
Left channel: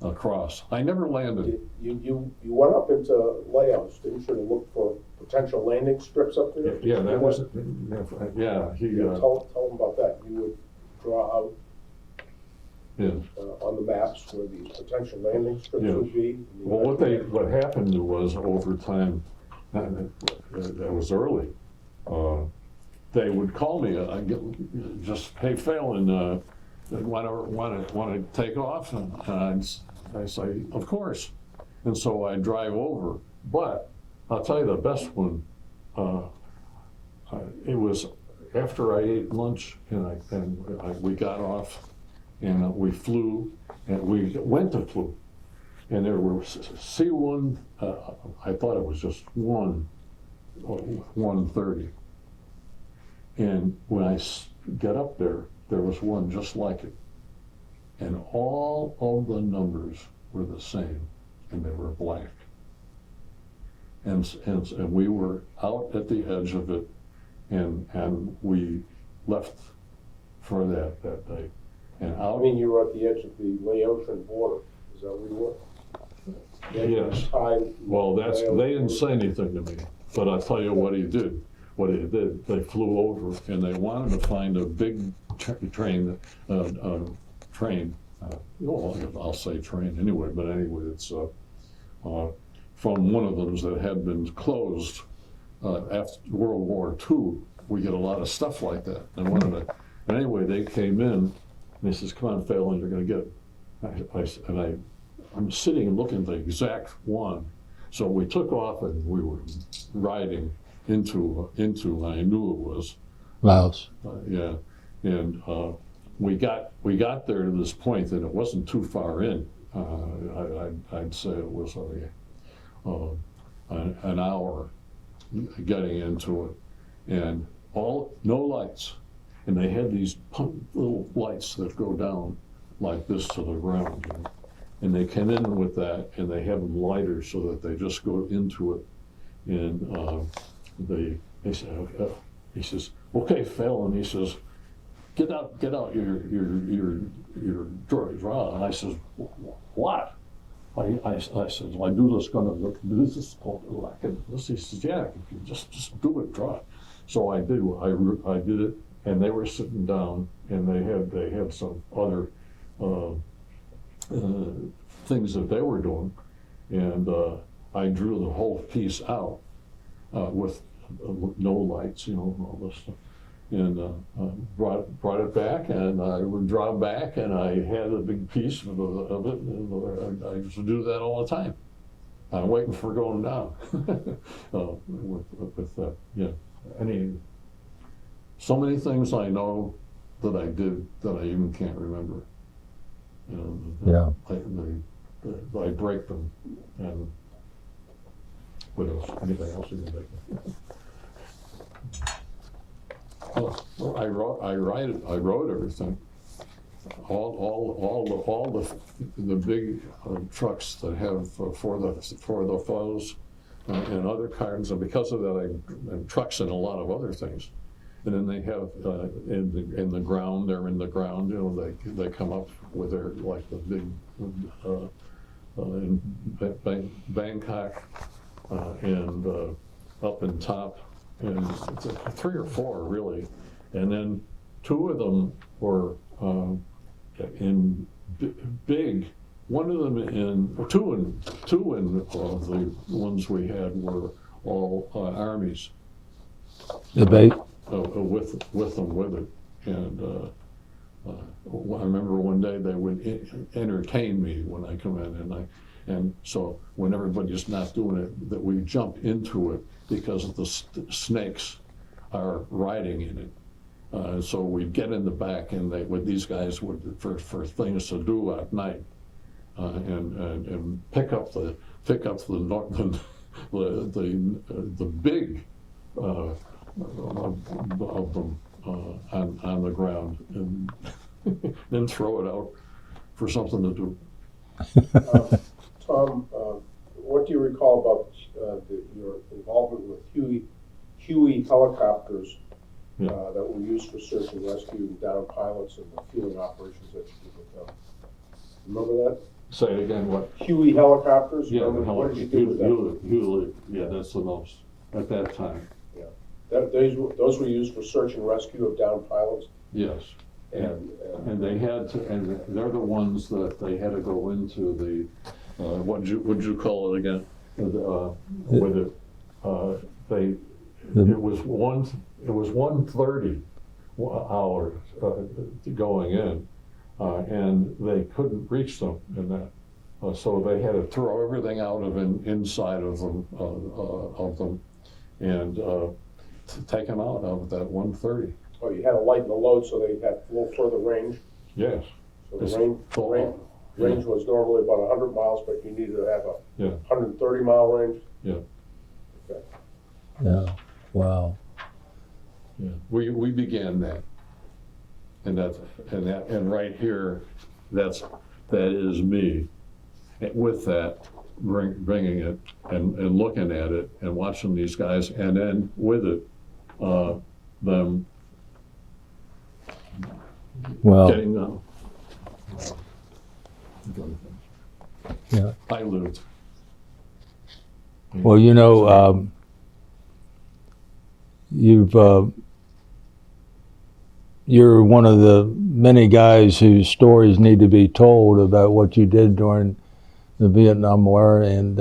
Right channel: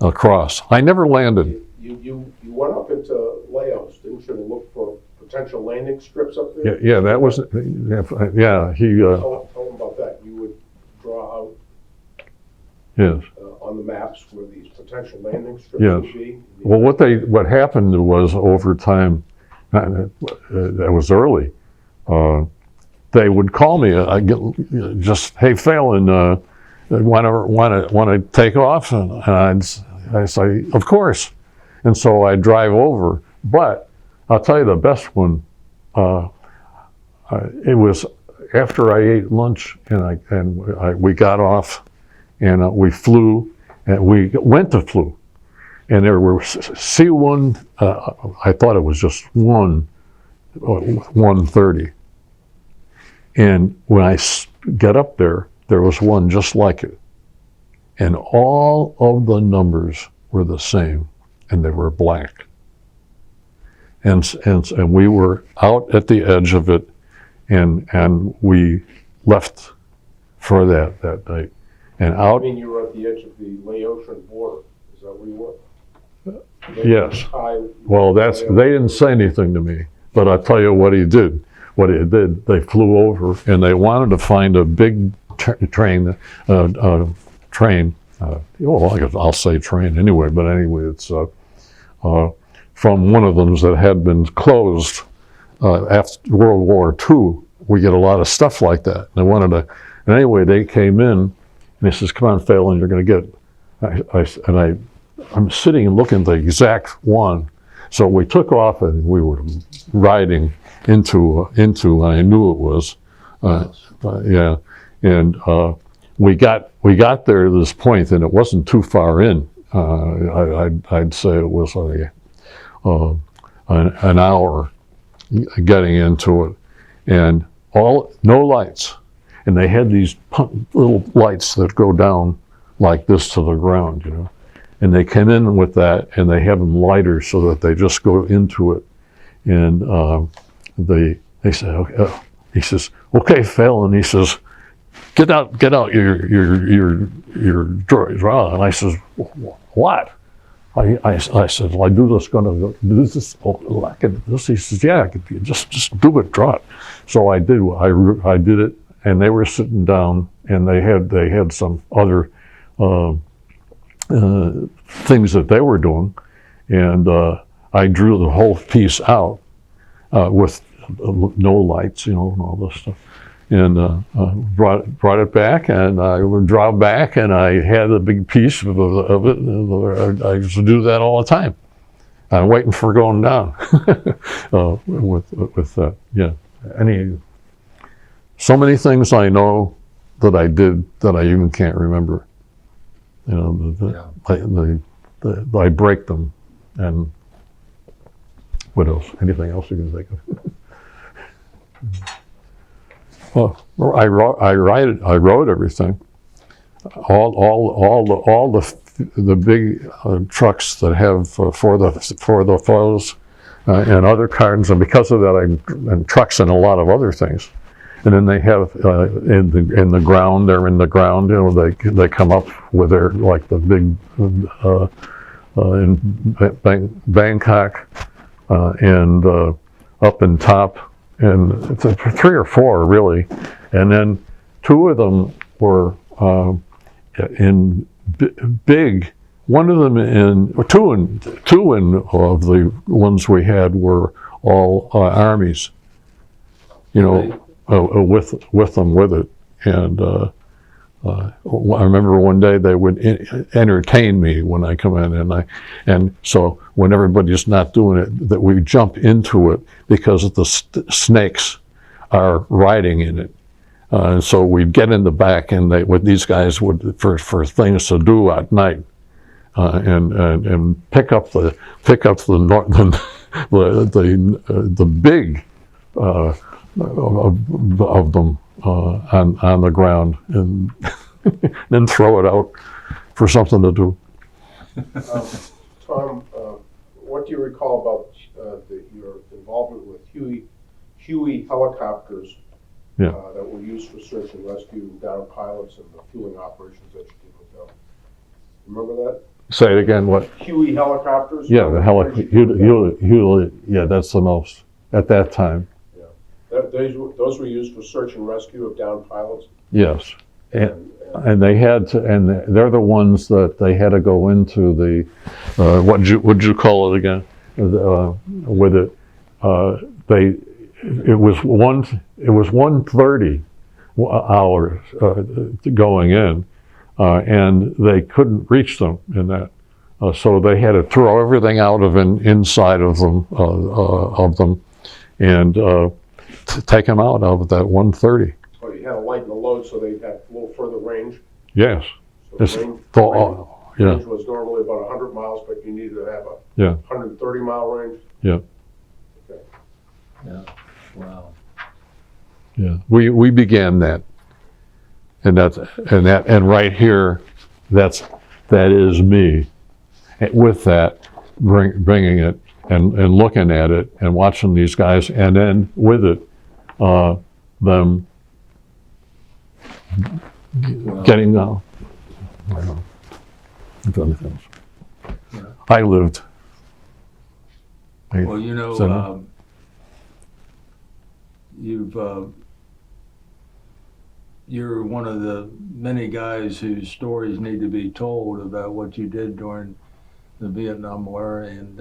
across. I never landed. You went up into Laos, didn't you, to look for potential landing strips up there? Yeah, that was, yeah, he, Tell them about that. You would draw out yes. on the maps where these potential landing strips Yes. would be. Well, what happened was, over time, that was early, they would call me, hey, Phalen, want to take off? And I'd say, of course. And so I drive over. But I'll tell you the best one, it was after I ate lunch and we got off, and we flew, and we went to flew. and there were C1. I thought it was just 130. And when I got up there, there was one just like it. And all of the numbers were the same, and they were black. And we were out at the edge of it, and we left for that night. And I out, mean, you were at the edge of the Laotian border, is that where you were? yes. Thai- Well, they didn't say anything to me, but I'll tell you what he did. What he did, they flew over, and they wanted to find a big train. I'll say train anyway, but anyway, it's from one of them that had been closed after World War II. We get a lot of stuff like that. They wanted to, and anyway, they came in, and he says, "Come on, Phalen, you're going to get." I'm sitting and looking at the exact one. So we took off, and we were riding into. I knew it was. Laos. Yeah, and we got there to this point, and it wasn't too far in. I'd say it was like an hour getting into it, and no lights, and they had these little lights that go down like this to the ground, you know, and they came in with that, and they have them lighters so that they just go into it, and they said, okay, he says, "Okay, Phalen," he says, get out your drawer. And I says, "What?" I said, "Well, I do this, gonna do this, I can this." He says, "Yeah, I could, just do it, draw it." So I did. I did it, and they were sitting down, and they had some other things that they were doing, and I drew the whole piece out with no lights, you know, and all this stuff. And brought it back, and I would draw back, and I had a big piece of it. And I used to do that all the time. I'm waiting for going down with yeah. So many things I know that I did that I even can't remember. You know, I break them, and what else? Anything else you can think of? Well, I wrote everything. All the big trucks that have for the foes and other kinds, and because of that, and trucks and a lot of other things. And then they have in the ground. They're in the ground. You know, they come up with their, like the big in Bangkok and up in top. And it's 3 or 4 really, and then 2 of them were in big. One of them two of the ones we had were all armies, you know, with them with it. And I remember one day they would entertain me when I come in, and so when everybody's not doing it, that we jump into it because the snakes are riding in it. And so we'd get in the back, and these guys would for things to do at night, and pick up the big of them on the ground, and then throw it out for something to do. Tom, what do you recall about your involvement with Huey helicopters Yeah. that were used for search and rescue down pilots and the fueling operations at the hotel? Remember that? Say it again. What? Huey helicopters? Yeah, the Hewlett. Yeah, that's the most at that time. Those were used for search and rescue of downed pilots? Yes. And they had to, and they're the ones that they had to go into the, what'd you call it again? With it, it was 1:30 hours going in, and they couldn't reach them in that, so they had to throw everything out of inside of them, and take them out of that 1:30. Oh, you had to lighten the load so they had a little further range? Yes. So Yeah. range was normally about 100 miles, but you needed to have a Yeah. 130-mile range. Yeah. Wow. Yeah, we began that, and right here, that is me. With that, bringing it and looking at it and watching these guys, and then with it, them Well, getting Yeah. I lived. well, you know, So- you're one of the many guys whose stories need to be told about what you did during the Vietnam War, and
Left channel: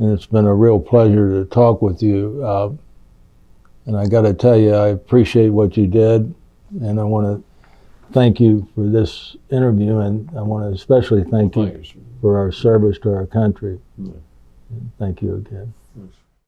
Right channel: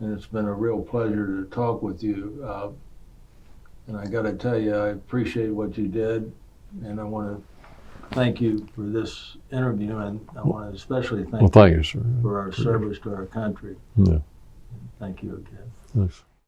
it's been a real pleasure to talk with you. And I got to tell you, I appreciate what you did, and I want to thank you for this interview, and I want to especially Well, thank thank you you, sir. for our service to our country. Yeah. Thank you again. Thanks.